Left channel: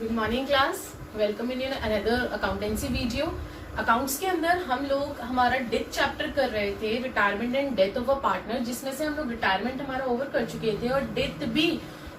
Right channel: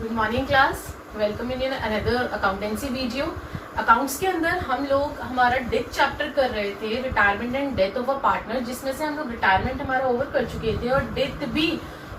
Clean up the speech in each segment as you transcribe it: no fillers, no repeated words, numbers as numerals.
Good morning class, welcome in another accountancy video. Accounts के अंदर हम लोग हमारा डेथ चैप्टर कर रहे थे, retirement and death of a partner, जिसमें से हम लोग रिटायरमेंट हमारा ओवर कर चुके थे और डेथ भी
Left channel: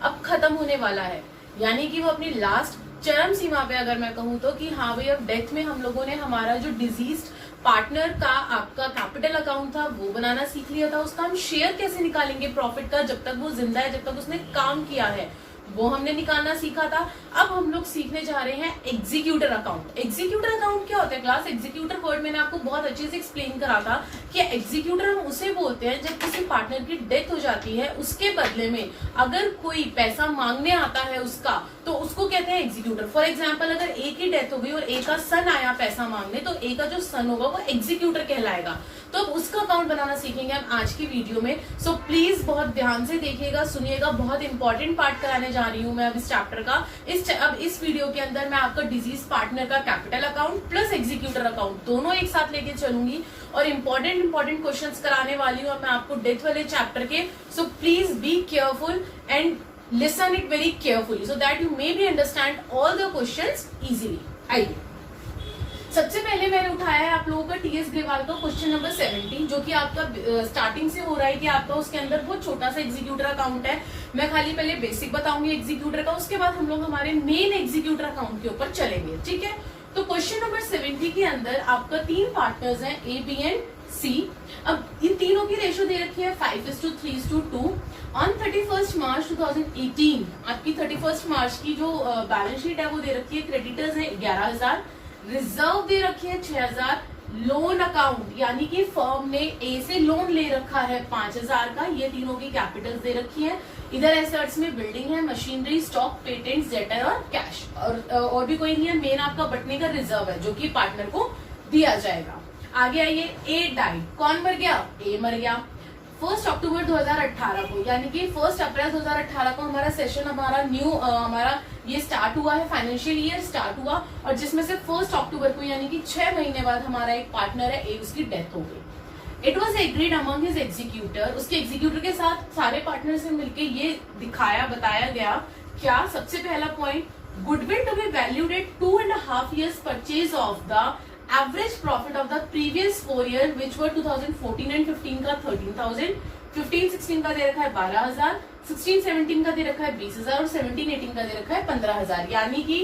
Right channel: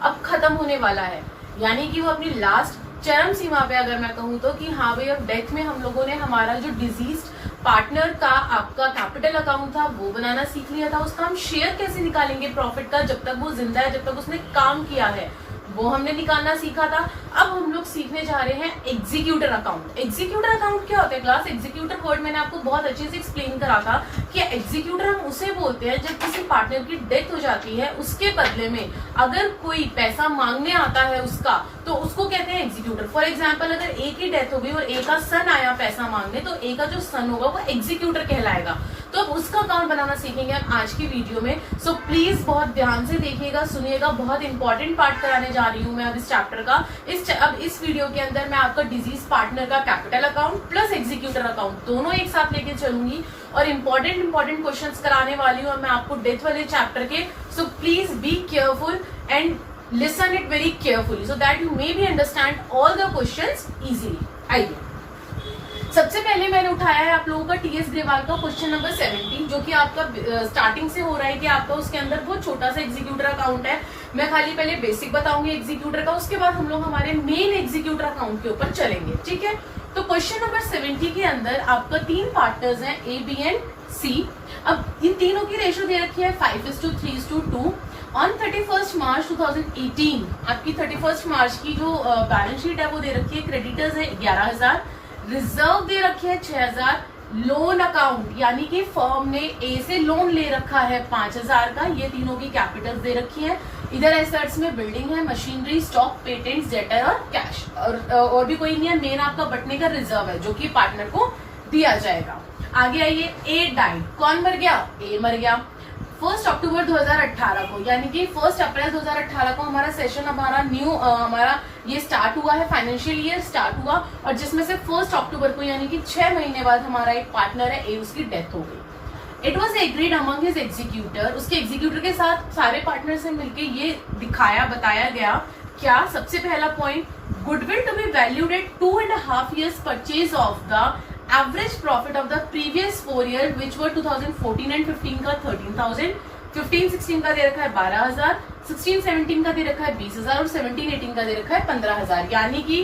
अब खत्म होने वाला है, यानी कि वो अपनी लास्ट चरम सीमा पे अगर मैं कहूँ तो कि हाँ भाई अब डेथ में हम लोगों ने हमारा जो डिजीज पार्टनर का आपका कैपिटल अकाउंट था वो बनाना सीख लिया था। उसका हम शेयर कैसे निकालेंगे प्रॉफिट का, जब तक वो जिंदा है, जब तक उसने काम किया है, वो हमने निकालना सीखा था। अब हम लोग सीखने जा रहे हैं एग्जीक्यूटर अकाउंट। एग्जीक्यूटर अकाउंट क्या होता है क्लास? एग्जीक्यूटर वर्ड मैंने आपको बहुत अच्छे से एक्सप्लेन करा था कि एग्जीक्यूटर हम उसे बोलते हैं जब किसी पार्टनर की डेथ हो जाती है, उसके बदले में अगर कोई पैसा मांगने आता है उसका, तो उसको कहते हैं एग्जीक्यूटर। फॉर एग्जाम्पल, अगर ए की डेथ हो गई और ए का सन आया पैसा मांगने, तो ए का जो सन होगा वो एग्जीक्यूटर कहलाएगा। तो अब उसका अकाउंट बनाना सीखेंगे हम आज की वीडियो में। सो प्लीज बहुत ध्यान से देखिएगा, सुनिएगा, बहुत इंपॉर्टेंट पार्ट कराने जा रही हूँ मैं अब इस चैप्टर का। अब इस वीडियो के अंदर मैं आपका डिजीज पार्टनर का capital account plus executor account दोनों एक साथ लेके चलूंगी और इंपॉर्टेंट क्वेश्चंस कराने वाली हूँ मैं आपको डेथ वाले चैप्टर के। So please be careful and listen it very carefully so that you maybe understand all the questions easily। आइए, सबसे पहले मैंने उठाया है आप लोगों का टीएस ग्रेवाल का क्वेश्चन नंबर 17, जो कि आपका स्टार्टिंग से हो रहा है कि आपका उसके अंदर बहुत छोटा सा एग्जीक्यूटर अकाउंट है। मैं खाली पहले बेसिक बताऊंगी एग्जीक्यूटर का, उसके बाद हम लोग हमारे मेन एग्जीक्यूटर अकाउंट के ऊपर चलेंगे, ठीक है। तो क्वेश्चन नंबर 70 के अंदर आपका 3 पार्टनर्स हैं, ए, बी एंड सी। अब इन तीनों की रेशो दे रखी है 5:3:2। ऑन 31 मार्च 2018 आपकी 31 मार्च की जो बैलेंस शीट है वो दे रखी है, क्रेडिटर्स है 11,000, रिजर्व दे रखी है 6,000, लोन अकाउंट यानी कि फर्म ने ए से लोन ले रखा है 5,000 का, ये तीनों की कैपिटल दे रखी है। इधर एसेट्स में बिल्डिंग है, मशीनरी, स्टॉक, पेटेंट्स, डेटर और कैश, और भी कोई नहीं है। मेन आपका बटने का रिजर्व है जो कि पार्टनर को दिया जाएगा। आगे आइए, ए डाइड, कौन मर गया? ए मर गया 1 अक्टूबर 2018 को, यानी कि 1 अप्रैल 2018 को हमारा सेशन हमारा ये स्टार्ट हुआ है, फाइनेंशियल ईयर स्टार्ट हुआ, और जिसमें से 1 अक्टूबर को यानी कि 6 महीने बाद हमारा एक पार्टनर है ए, उसकी डेथ हो गई। It was agreed among his executor, उसके एग्जीक्यूटर के साथ सारे पार्टनर से मिलकर ये बताया गया क्या? सबसे पहला point, goodwill to be valued at 2.5 years purchase of the average profit of the previous 4 years which were 2014 and 15 का 13,000, 15-16 का दे रखा है 12,000, 16-17 का दे रखा है 20,000 और 17-18 का दे रखा है 15,000। यानी कि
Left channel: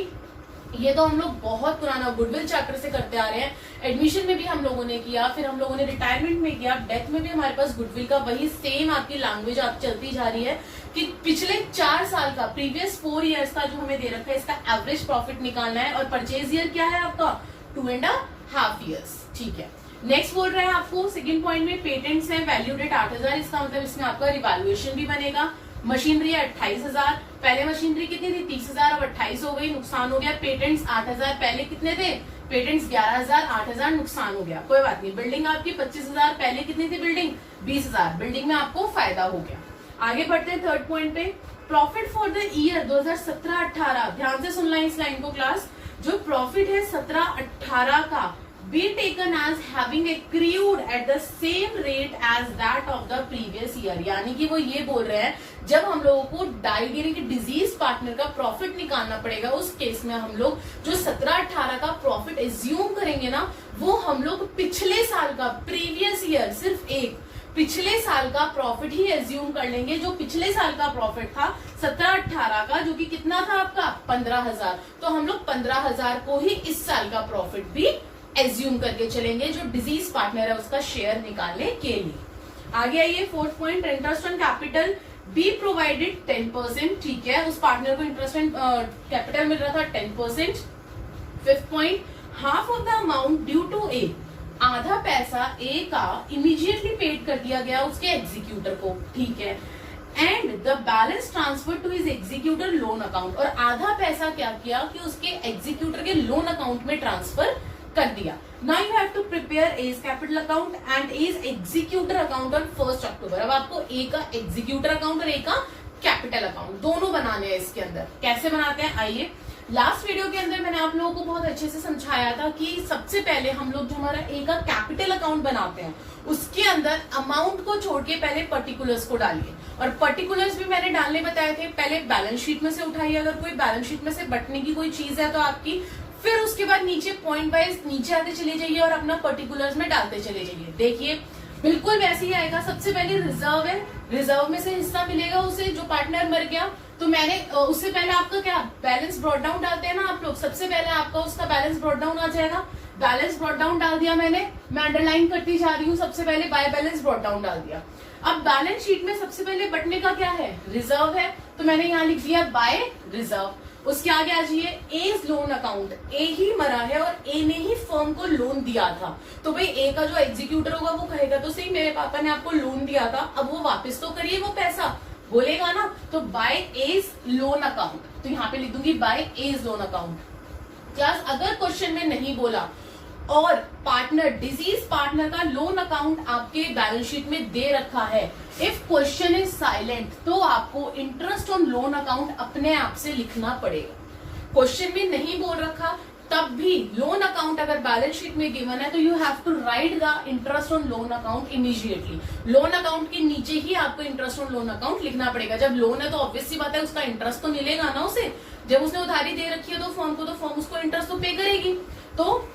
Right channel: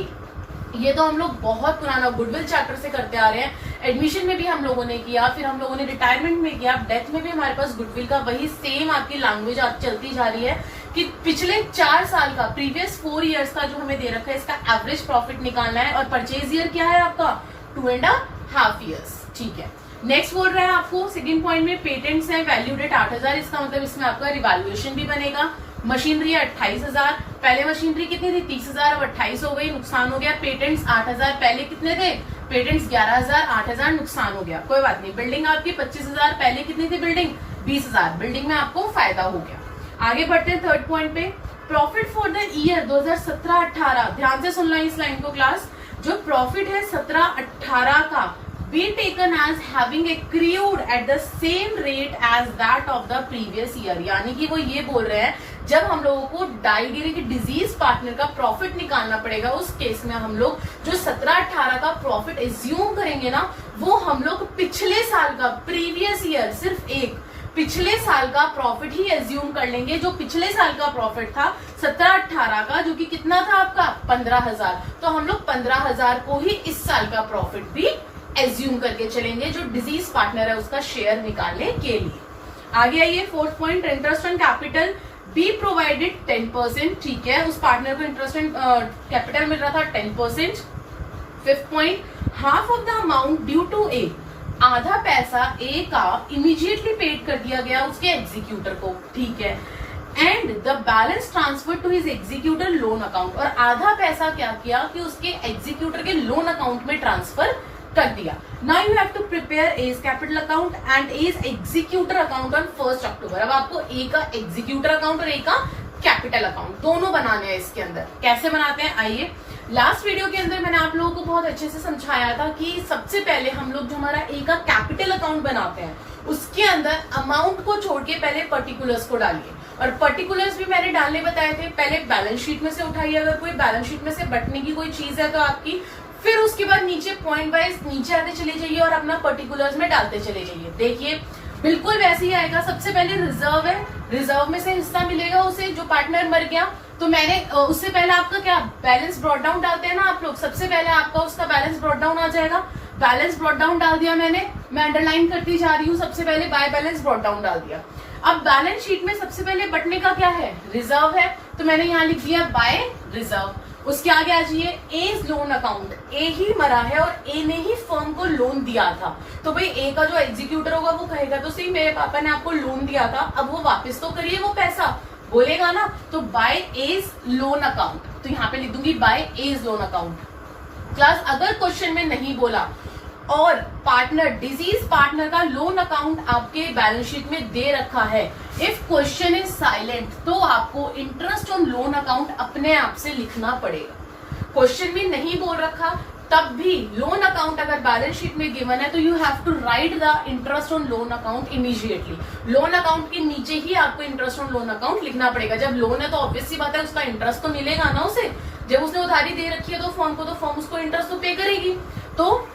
ये तो हम लोग बहुत पुराना गुडविल चैप्टर से करते आ रहे हैं। एडमिशन में भी हम लोगों ने किया, फिर हम लोगों ने रिटायरमेंट में किया, डेथ में भी हमारे पास गुडविल का वही सेम आपकी लैंग्वेज चलती जा रही है कि पिछले 4 साल का, प्रीवियस 4 years का जो हमें दे रखा है, इसका एवरेज प्रॉफिट निकालना है। और परचेज ईयर क्या है आपका? 2.5 years, ठीक है। नेक्स्ट बोल रहा है आपको सेकंड पॉइंट में, पेटेंट्स है वैल्यूड एट 8,000, इसका मतलब इसमें आपका रिवैल्यूएशन भी बनेगा। मशीनरी है 28,000, पहले मशीनरी कितनी थी? 30,000, अब 28 हो गई, नुकसान हो गया। पेटेंट्स 8,000, पहले कितने थे? पेटेंट्स 11,000, 8,000 नुकसान हो गया, कोई बात नहीं। बिल्डिंग आपकी 25,000, पहले कितनी थी बिल्डिंग? 20,000, बिल्डिंग में आपको फायदा हो गया। आगे बढ़ते हैं थर्ड पॉइंट पे, प्रॉफिट फॉर द ईयर 2017-18, ध्यान से सुनना इस लाइन को क्लास। जो प्रॉफिट है 17-18 का, be taken as having accrued at the same rate as that of the previous year, यानी कि वो ये बोल रहे हैं जब हम लोगों को डाइड यानी कि डिजीज पार्टनर का प्रॉफिट निकालना पड़ेगा, उस केस में हम लोग जो 17-18 का प्रॉफिट एज्यूम करेंगे ना, वो हम लोग पिछले साल का, प्रीवियस ईयर, सिर्फ एक पिछले साल का प्रॉफिट ही एज्यूम कर लेंगे। जो पिछले साल का प्रॉफिट था 17-18 का, जो कि कितना था आपका? 15,000, तो हम लोग 15,000 को ही इस साल का प्रॉफिट भी एज्यूम करके चलेंगे जो डिजीज पार्टनर है उसका शेयर निकालने के लिए। आगे आइए, fourth point, interest on capital be provided 10%, ठीक है, उस पार्टनर को इंटरेस्ट ऑन कैपिटल मिल रहा था 10%। Fifth point, half of the amount due to A, आधा पैसा ए का इमीडिएटली पेड कर दिया गया उसके एग्जीक्यूटर को, ठीक है। And the balance transfer to his executor loan account, और आधा पैसा क्या किया कि उसके एग्जीक्यूटर के लोन अकाउंट में ट्रांसफर कर दिया। Now you have to prepare as capital account and as executor account on 1 October. अब आपको ए का एग्जीक्यूटर अकाउंट और ए का कैपिटल अकाउंट, दोनों बनाने हैं इसके अंदर। कैसे बनाते हैं आइए। लास्ट वीडियो के अंदर मैंने आप लोगों को बहुत अच्छे से समझाया था कि सबसे पहले हम लोग जो हमारा ए का कैपिटल अकाउंट बनाते हैं उसके अंदर अमाउंट को छोड़ के पहले पर्टिकुलर्स को डालिए, और पर्टिकुलर्स भी मैंने डालने बताए थे। पहले बैलेंस शीट में से उठाइए, अगर कोई बैलेंस शीट में से बटने की कोई चीज है तो आपकी, फिर उसके बाद नीचे पॉइंट वाइज नीचे आते चले जाइए और अपना पर्टिकुलर्स में डालते चले जाइए। देखिए बिल्कुल वैसे ही आएगा। सबसे पहले रिजर्व है, रिजर्व में से हिस्सा मिलेगा उसे जो पार्टनर मर गया, तो मैंने उससे पहले आपका क्या बैलेंस ब्रॉट डाउन डालते हैं ना आप लोग, सबसे पहले आपका उसका बैलेंस ब्रॉट डाउन आ जाएगा। बैलेंस ब्रॉट डाउन डाल दिया मैंने, मैं अंडरलाइन करती जा रही हूँ, सबसे पहले बाय बैलेंस ब्रॉट डाउन डाल दिया। अब बैलेंस शीट में सबसे पहले बटने का क्या है, रिजर्व है, तो मैंने यहाँ लिख दिया बाय रिजर्व। उसके आगे आ जाइए एज लोन अकाउंट, ए ही मरा है और ए ने ही फर्म को लोन दिया था, तो भाई ए का जो एग्जीक्यूटर होगा वो कहेगा तो सही मेरे पापा ने आपको लोन दिया था, अब वो वापस तो करिए वो पैसा, बोलेगा ना। तो बाय एज लोन अकाउंट, तो यहाँ पे लिख दूंगी by as loan account. Class अगर क्वेश्चन में नहीं बोला और पार्टनर डिजीज पार्टनर का लोन अकाउंट आपके बैलेंस शीट में दे रखा है, इफ क्वेश्चन इज साइलेंट, तो आपको इंटरेस्ट ऑन लोन अकाउंट अपने आप से लिखना पड़ेगा। क्वेश्चन में नहीं बोल रखा तब भी लोन अकाउंट अगर बैलेंस शीट में गिवन है तो you have to write the interest on loan account immediately. Loan account के नीचे ही आपको इंटरेस्ट ऑन लोन अकाउंट लिखना पड़ेगा। जब लोन है तो ऑब्वियस सी बात है उसका इंटरेस्ट तो मिलेगा ना उसे, जब उसने उधारी दे रखी है तो फर्म को, तो फर्म उसको इंटरेस्ट तो पे करेगी। तो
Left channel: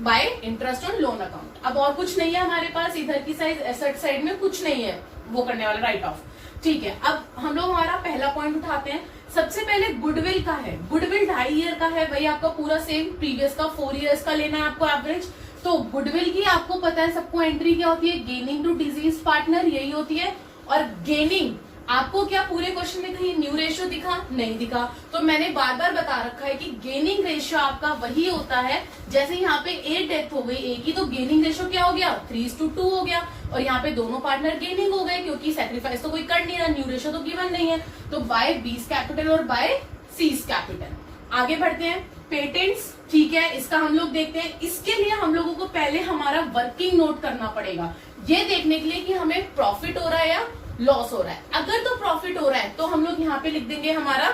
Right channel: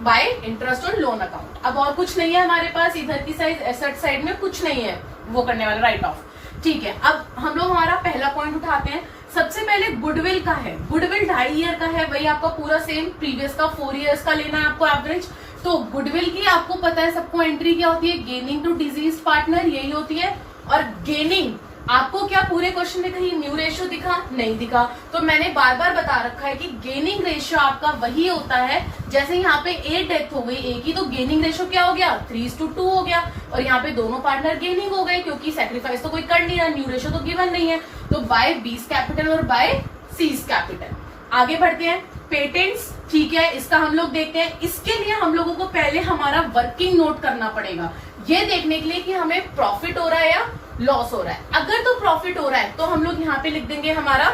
bye interest on loan account. अब और कुछ नहीं है हमारे पास, इधर की साइड एसेट साइड में कुछ नहीं है वो करने वाला, राइट ऑफ। ठीक है, अब हम लोग हमारा पहला पॉइंट उठाते हैं। सबसे पहले गुडविल का है, गुडविल 2.5 ईयर का है, वही आपका पूरा सेम प्रीवियस का 4 इयर्स का लेना है आपको एवरेज। तो गुडविल की आपको पता है सबको एंट्री क्या होती है, गेनिंग टू डिजीज पार्टनर यही होती है। और गेनिंग आपको क्या पूरे क्वेश्चन में कहीं न्यू रेशियो दिखा, नहीं दिखा, तो मैंने बार बार बता रखा है कि गेनिंग रेशियो आपका वही होता है। जैसे यहाँ पे ए डेथ हो गई ए की, तो गेनिंग रेशियो क्या हो गया 3:2 हो गया, और यहाँ पे दोनों पार्टनर गेनिंग हो गए क्योंकि सेक्रीफाइस तो कोई कर नहीं रहा, न्यू रेशियो तो गिवन नहीं है। तो बाय बीस कैपिटल और बाय सीज कैपिटल। आगे बढ़ते हैं, पेटेंट्स, ठीक है, इसका हम लोग देखते हैं। इसके लिए हम लोगों को पहले हमारा वर्किंग नोट करना पड़ेगा, ये देखने के लिए कि हमें प्रॉफिट हो रहा है या लॉस हो रहा है। अगर तो प्रॉफिट हो रहा है तो हम लोग यहाँ पे लिख देंगे हमारा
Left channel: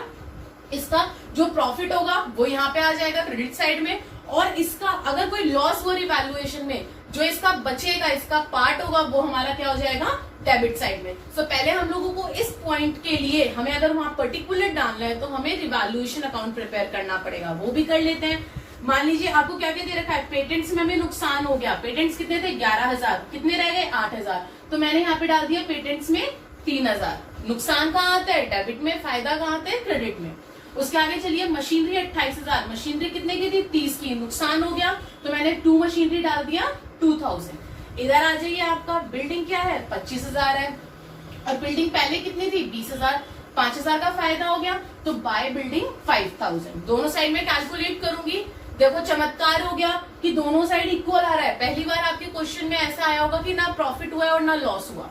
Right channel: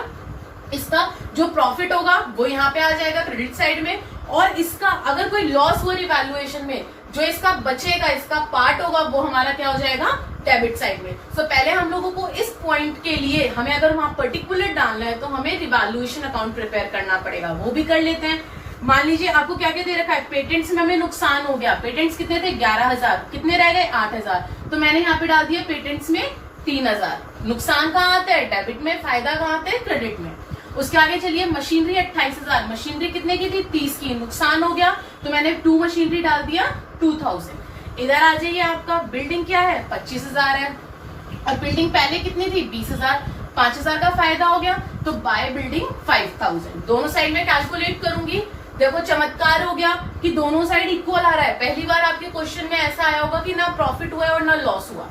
इसका जो प्रॉफिट होगा वो यहाँ पे आ जाएगा क्रेडिट साइड में, और इसका अगर कोई लॉस हुआ रिवैल्यूएशन में, जो इसका बचेगा इसका पार्ट होगा वो हमारा क्या हो जाएगा डेबिट साइड में। तो पहले हम लोगों को इस पॉइंट के लिए हमें अगर वहां पर्टिकुलर डालना है तो हमें रिवैल्यूएशन अकाउंट प्रिपेयर करना पड़ेगा, वो भी कर लेते हैं। मान लीजिए आपको क्या क्या दे रखा है, पेटेंट्स में हमें नुकसान हो गया, पेटेंट्स कितने थे 11,000, कितने रह गए 8,000, तो मैंने यहाँ पे डाल दिया पेटेंट्स में 3,000। नुकसान कहाँ आता है डेबिट में, फायदा कहाँ आता है क्रेडिट में। उसके आगे चलिए मशीनरी 28,000, मशीनरी कितने की थी 30 की, नुकसान हो गया तो मैंने 2 मशीनरी डाल दिया 2,000। इधर आ जाइए, आपका बिल्डिंग क्या है 25,000 है, और बिल्डिंग पहले कितनी थी 20,000, 5,000 का फायदा हो गया, तो बाय बिल्डिंग 5,000। दोनों साइड में कैलकुलेट करूंगी, देखो चमत्कार हो गया कि दोनों साइड इक्वल आ रहा है। पहली बार आपके क्वेश्चन में ऐसा आया होगा कि ना प्रॉफिट हुआ है और ना लॉस हुआ।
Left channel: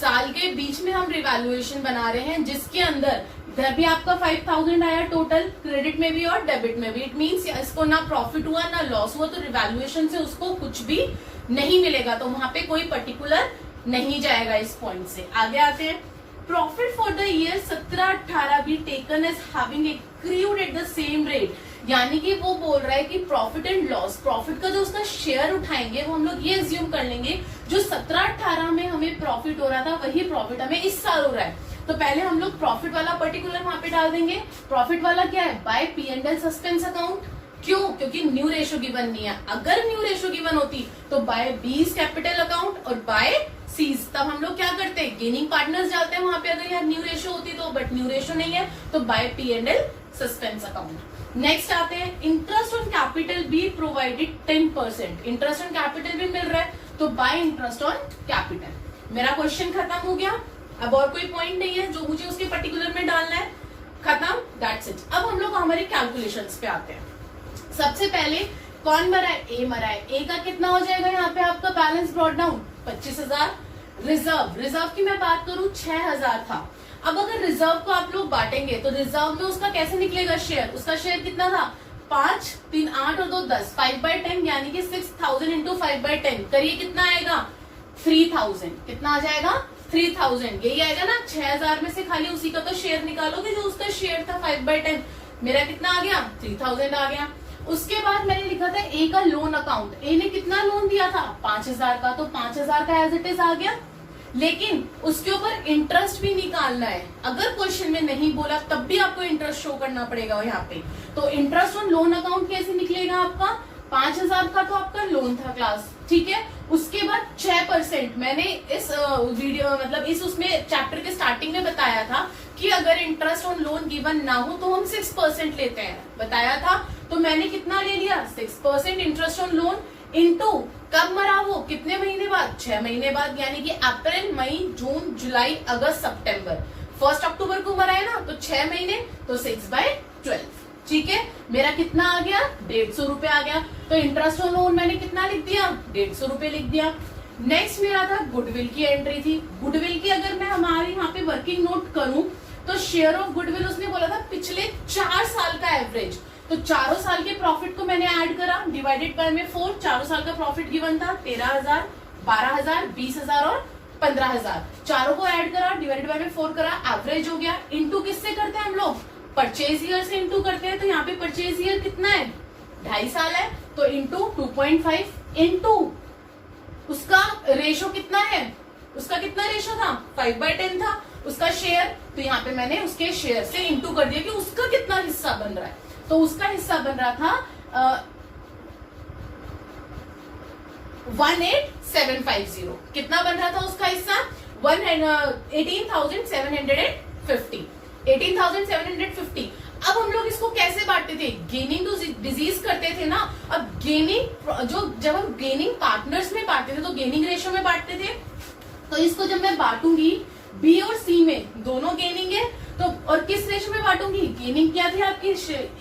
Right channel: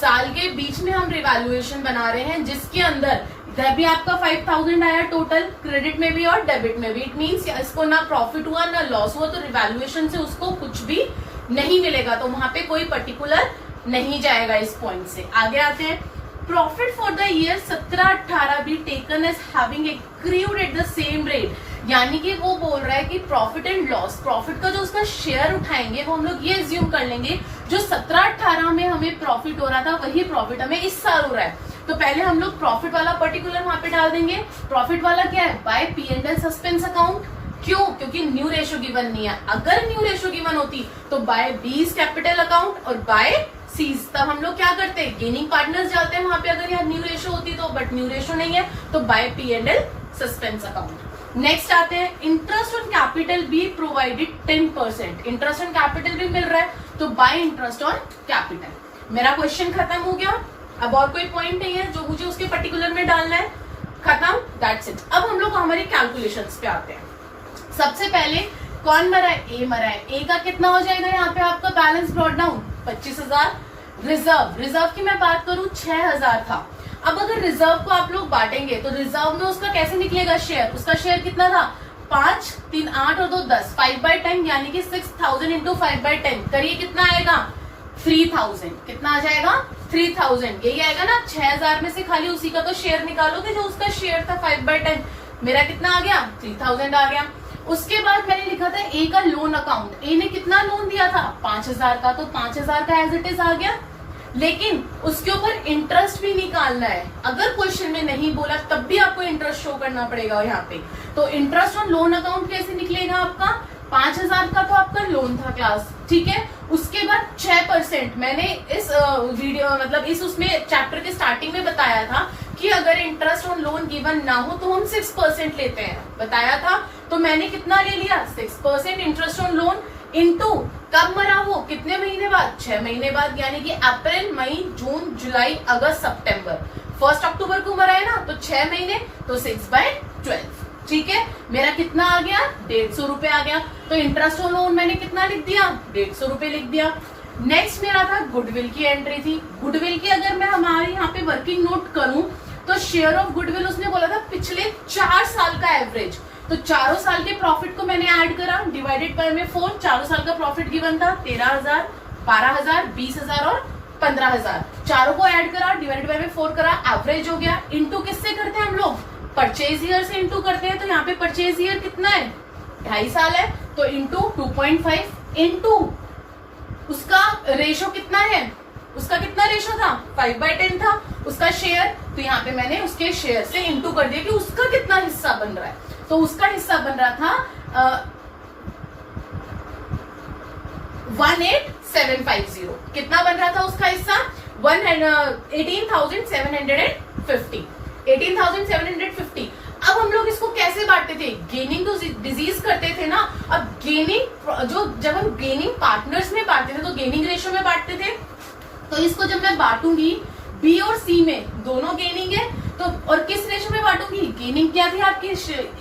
साल के बीच में हम रिवैल्यूएशन बना रहे हैं जिसके अंदर इधर भी आपका 5,000 आया टोटल, क्रेडिट में भी और डेबिट में भी। इट मीन्स इसको ना प्रॉफिट हुआ ना लॉस हुआ, तो रिवैल्यूएशन से उसको कुछ भी नहीं मिलेगा, तो वहां पे कोई पर्टिकुलर नहीं जाएगा इस पॉइंट से। आगे आते हैं, प्रॉफिट फॉर द ईयर 17-18 भी taken as having accrued at the same rate, यानी कि वो बोल रहा है कि प्रॉफिट एंड लॉस, प्रॉफिट का जो उसका शेयर उठाएंगे वो हम लोग ये एज्यूम कर लेंगे जो 17-18 में हमें प्रॉफिट हो रहा था वही प्रॉफिट हमें इस साल हो रहा है। तो पहले हम लोग प्रॉफिट वाला पर्टिकुलर वहां पे डाल देंगे। प्रॉफिट वाला क्या है बाय P&L सस्पेंस अकाउंट, क्यों, क्योंकि न्यू रेशियो गिवन नहीं है। अगर न्यू रेशियो गिवन होती तो बाय बीस कैपिटल अकाउंट और बाय सीज, तब हम लोग क्या करते हैं गेनिंग पार्टनर्स जाते हैं वहां पे अगर यह न्यू रेशियो होती तो, बट न्यू रेशियो नहीं है तो bye P&L suspense account. Next आते हैं, interest on capital be provided 10%, interest on capital भी मिल रहा है तो बाय इंटरेस्ट ऑन कैपिटल। मेरा क्वेश्चन खत्म हो गया, अब और कोई पॉइंट नहीं है जो मुझे उसके पर्टिकुलर में डालना है, खत्म, दैट्स इट। अब हम लोग हमारी कैलकुलेशंस पे आते हैं। सबसे पहले कौन मरा है, ए मरा है, ए का कितना हो जाएगा यहाँ पे आपका बैलेंस ब्रॉट डाउन 25,000। रिजर्व की मैं बात करूं 6,000 था। अब अगर रिजर्व को आप लोग बांटेंगे तो रिजर्व में उसका कैसे निकलेगा शेयर, उसका शेयर कितना था 5, 3, 8 और 2, 10, 5/10 यानी कि 6,000 इंटू 5/10 करिए कितना आएगा 3,000, कितना आ जाएगा 3000, यही आएगा ना। 6000 में से खाली उसी का तो शेयर निकालोगे जो उसका शेयर था 5/10, मेरा कितना आ गया 3000 आ गया। उसके बाद मैंने लिखा था ए का लोन अकाउंट, ए ने कितना लोन दिया था 5000 का, तो 5000 का एज इट इज आ गया, लेकिन उसके ऊपर इंटरेस्ट भी निकालना है। अगर क्वेश्चन में नहीं बोला तब भी आपको इंटरेस्ट शो करना पड़ेगा यहाँ पे। तो इंटरेस्ट ऑन लोन अकाउंट कैसे निकलेगा आपका, 5000 का तो आपका लोन था क्लास, ठीक है। उसके बाद 6%, मैंने इस वीडियो मतलब इस उसमें चैप्टर के स्टार्टिंग में बताया था कि अगर इंटरेस्ट ऑन लोन गिवन ना हो तो हम 6% लेते हैं, बताया था। तो मैंने कितना ले लिया 6% इंटरेस्ट ऑन लोन इनटू कब मरा वो, कितने महीने बाद, 6 महीने बाद, यानी कि अप्रैल मई जून जुलाई अगस्त सितंबर, 1 अक्टूबर को मरा है ना, तो 6 महीने, तो 6/12, ठीक है। मेरा कितना आ गया 150 रुपए आ गया। तो इंटरेस्ट ऑन लोन मैंने कितना लिख दिया 150 रुपए लिख दिया। नेक्स्ट मेरा था गुडविल की एंट्री थी। गुडविल की अगर मैं हमारे यहाँ पे वर्किंग नोट करूं तो शेयर ऑफ गुडविल उसने बोला था पिछले 4 साल का एवरेज, तो चारों साल के प्रॉफिट को मैंने ऐड करा, डिवाइडेड बाय में 4, चारों साल का प्रॉफिट गिवन था 13,000, 12,000, 20,000 और 15,000, चारों को ऐड करा, डिवाइडेड बाय में 4 करा, एवरेज हो गया। इनटू किससे करते हैं हम लोग, परचेज ईयर से इनटू करते हैं। तो यहाँ पे परचेज ईयर कितना है 2.5 साल है, तो इनटू 2.5 इनटू उसका रेशो कितना है, उसका कितना रेशो था 5/10 था उसका शेयर, तो यहाँ पे मैंने उसके शेयर से इनटू कर दिया कि उसका कितना हिस्सा बन रहा है। तो उसका हिस्सा बन रहा था 18,750, कितना बन रहा था उसका हिस्सा 18,750, 18,750। अब हम लोग इसको कैसे बांटते थे, गेनिंग टू डिजीज करते थे ना। अब गेनिंग जो जब हम गेनिंग पार्टनर्स में बांटते थे तो गेनिंग रेशियो में बांटते थे। तो इसको जब मैं बांटूंगी बी और सी में, दोनों गेनिंग है, तो और किस रेशियो में बांटूंगी, गेनिंग क्या थी आपकी,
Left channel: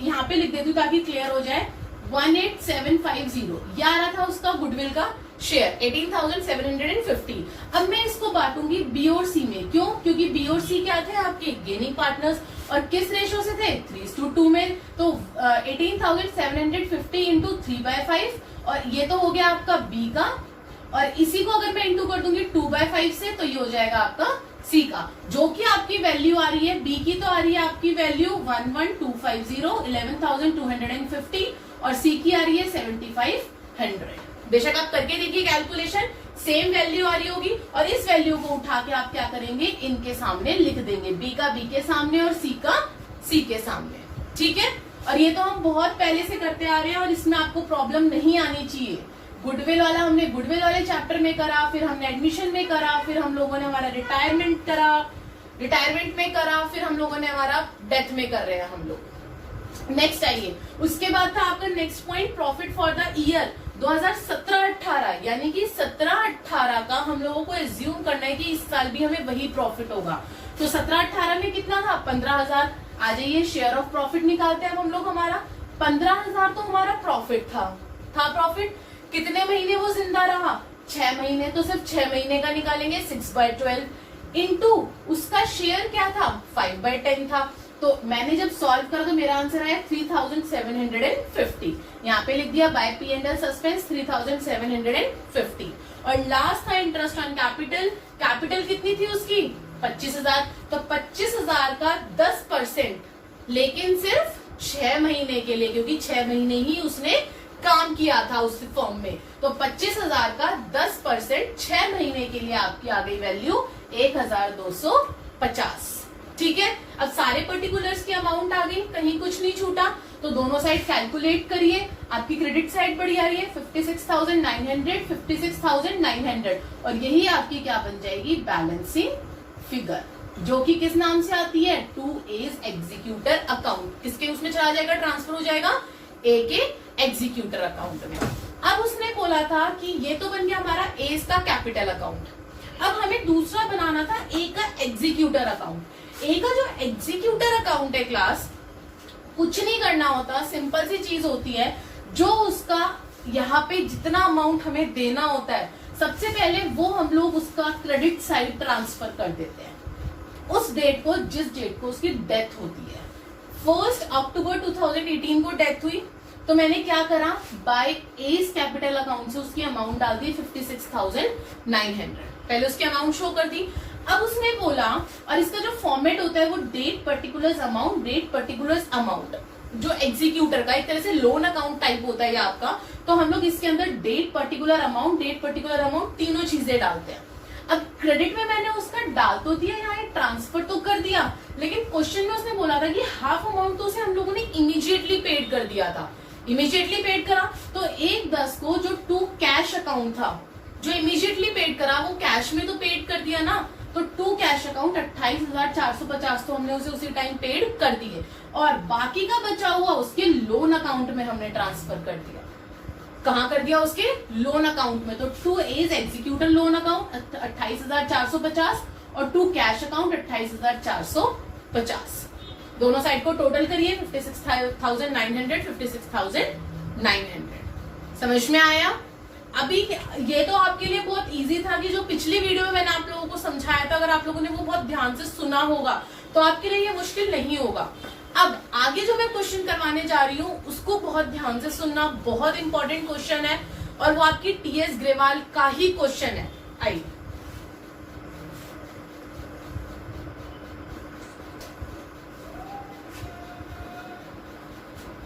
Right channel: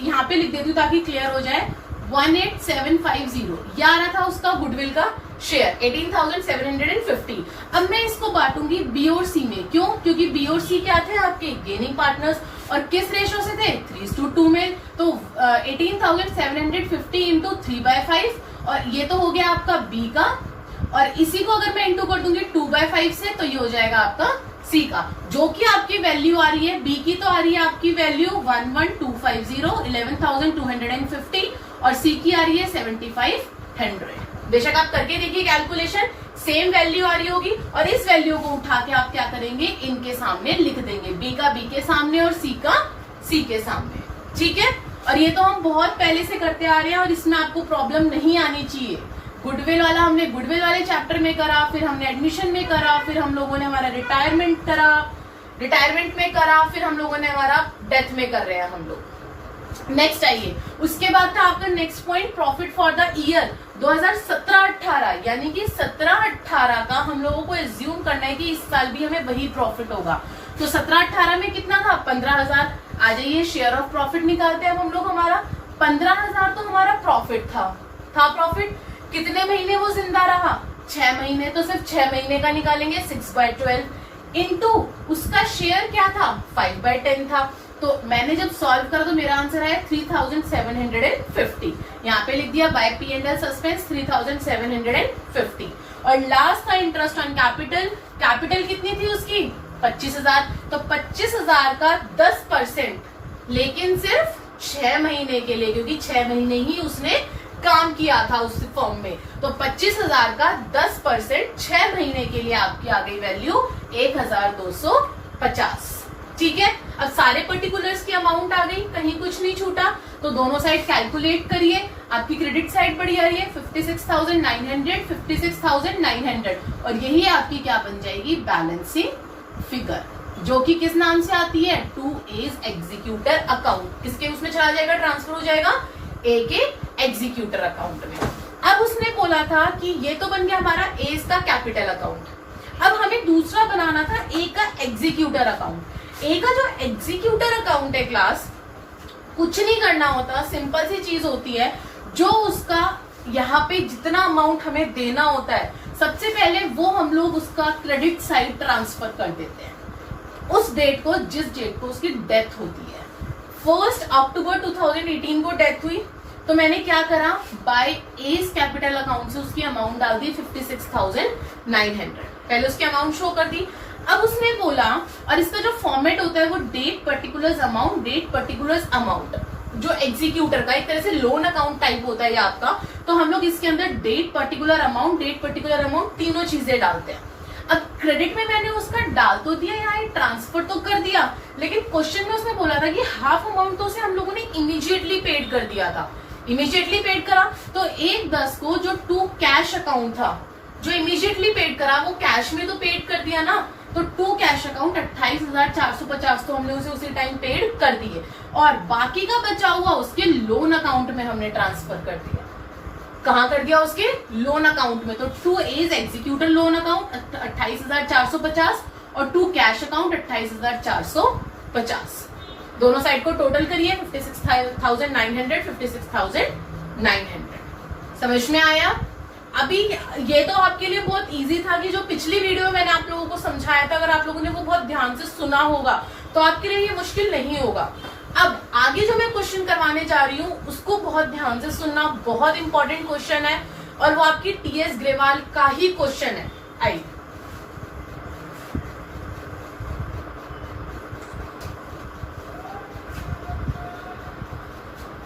यहाँ पे लिख देती हूँ ताकि क्लियर हो जाए, 18,750 ये आ रहा था उसका गुडविल का शेयर 18,750। अब मैं इसको बांटूंगी बी और सी में, क्यों, क्योंकि बी और सी क्या थे आपके गेनिंग पार्टनर्स, और किस रेशियो से थे 3:2 में। तो 18,750 इंटू 3/5, और ये तो हो गया आपका बी का, और इसी को अगर मैं इंटू कर दूंगी 2/5 से, तो ये हो जाएगा आपका सी का, जो कि आपकी वैल्यू आ रही है, बी की तो आ रही है आपकी वैल्यू 11,250, 11,250, और सी की आ रही है 7,500। बेशक आप करके देखिए कैलकुलेशन, सेम वैल्यू आ रही होगी, और इस वैल्यू को उठा के आप क्या करेंगे, इनके सामने लिख देंगे, बी का बी के सामने और सी का सी के सामने, ठीक है। और ये तो हम बहुत पहले से करते आ रहे हैं और इसमें आपको प्रॉब्लम नहीं आनी चाहिए। गुडविल वाला हमने गुडविल वाले चैप्टर में करा, फिर हमने एडमिशन में करा, फिर हम लोगों ने हमारा रिटायरमेंट करा, रिटायरमेंट में करा, फिर हम लोगों ने हमारा डेथ में कर रहे हैं हम लोग। नेक्स्ट आइए, उसके बाद था आपका next point profit for the year 2017-18, यानी कि 17-18 का हम लोगों को एज्यूम करना है कि इस साल भी हमें वही प्रॉफिट होगा। तो 17-18 में कितना था 15,000। आ जाइए शेयर ऑफ प्रॉफिट निकालते हैं हम लोग। हमारा 15,000 तो हमारा प्रॉफिट था प्रॉफिट। कितने महीने वो जिंदा रहा 6 महीने, तो सिर्फ 6 महीने का निकालेंगे 6/12 इंटू उसका शेयर क्या था 5/10 था। तो मैंने जब सॉल्व करा तो मेरा आंसर आया 3,750, यहाँ पे लिख दिया बाय P&L सस्पेंस 3,750। और लास्ट था इंटरेस्ट ऑन कैपिटल, कैपिटल कितनी थी उसकी 25,000, तो 25,000 का 10%, लेकिन सिर्फ 6 महीने के लिए, क्योंकि 6 महीने ही उसने काम किया था उस फॉर्म में। तो 25,000 का 10% 6 महीने के लिए आपकी आ गई वैल्यू 1,250, ठीक है। अब सारे पर्टिकुलर्स की अमाउंट आ गई, कहीं कुछ नहीं छूटा, तो दोनों साइड कैलकुलेट करिए। आपकी क्रेडिट साइड बढ़ी आ रही है 56,900, 56,900, और यही आपकी क्या बन जाएगी बैलेंसिंग फिगर, जो कि किस नाम से आती है टू एज एग्जीक्यूटर अकाउंट। किसके उसमें चला जाएगा, ट्रांसफर हो जाएगा ए के एग्जीक्यूटर अकाउंट में। अब उसने बोला था कि ये तो बन गया हमारा एज का कैपिटल अकाउंट, अब हमें दूसरा बनाना था ए का एग्जीक्यूटर अकाउंट। ए का जो एग्जीक्यूटर अकाउंट है क्लास, कुछ नहीं करना होता, सिंपल सी चीज होती है, जो उसका यहाँ पे जितना अमाउंट हमें देना होता है, सबसे पहले वो हम लोग उसका क्रेडिट साइड ट्रांसफर कर देते हैं उस डेट को जिस डेट को उसकी डेथ होती है। 1 अक्टूबर 2018 को डेथ हुई, तो मैंने क्या करा, बाय एज कैपिटल अकाउंट से उसकी अमाउंट डाल दी 56,900, पहले उसकी अमाउंट शो कर दी। अब उसने बोला, और इसका जो फॉर्मेट होता है वो date particulars amount, date particulars amount, जो एग्जीक्यूटर का एक तरह से लोन अकाउंट टाइप होता है ये आपका। तो हम लोग इसके अंदर date particular amount, date particular amount तीनों चीजें डालते हैं। अब क्रेडिट में मैंने उसका डाल तो दिया, यहाँ ट्रांसफर तो कर दिया, लेकिन क्वेश्चन में उसने बोला था कि हाफ अमाउंट तो उसे हम लोगों ने इमीडिएटली पेड कर दिया था। इमीडिएटली पेड करा तो 1/10 को जो टू कैश अकाउंट था, जो इमीडिएटली पेड करा वो कैश में तो पेड कर दिया ना, तो टू कैश अकाउंट 28,450 तो हमने उसे उसी टाइम पेड कर दिए, और बाकी का बचा हुआ उसके लोन अकाउंट में हमने ट्रांसफर कर दिया। कहां कर दिया? उसके लोन अकाउंट में। तो two is executor loan account 28,450 और टू कैश अकाउंट 28,450। दोनों साइड को टोटल करिए 56,900, 56,900। समझ में आया? अभी ये तो आपके लिए बहुत इजी था कि जो पिछली वीडियो में मैंने आप लोगों को समझाया था, अगर आप लोगों ने वो बहुत ध्यान से सुना होगा तो आपके लिए ये मुश्किल नहीं होगा। अब आगे जो मैं क्वेश्चन करवाने जा रही हूँ उसको बहुत ध्यान से सुनना, बहुत इंपॉर्टेंट क्वेश्चन है और वो आपकी टीएस ग्रेवाल का ही क्वेश्चन है। आइए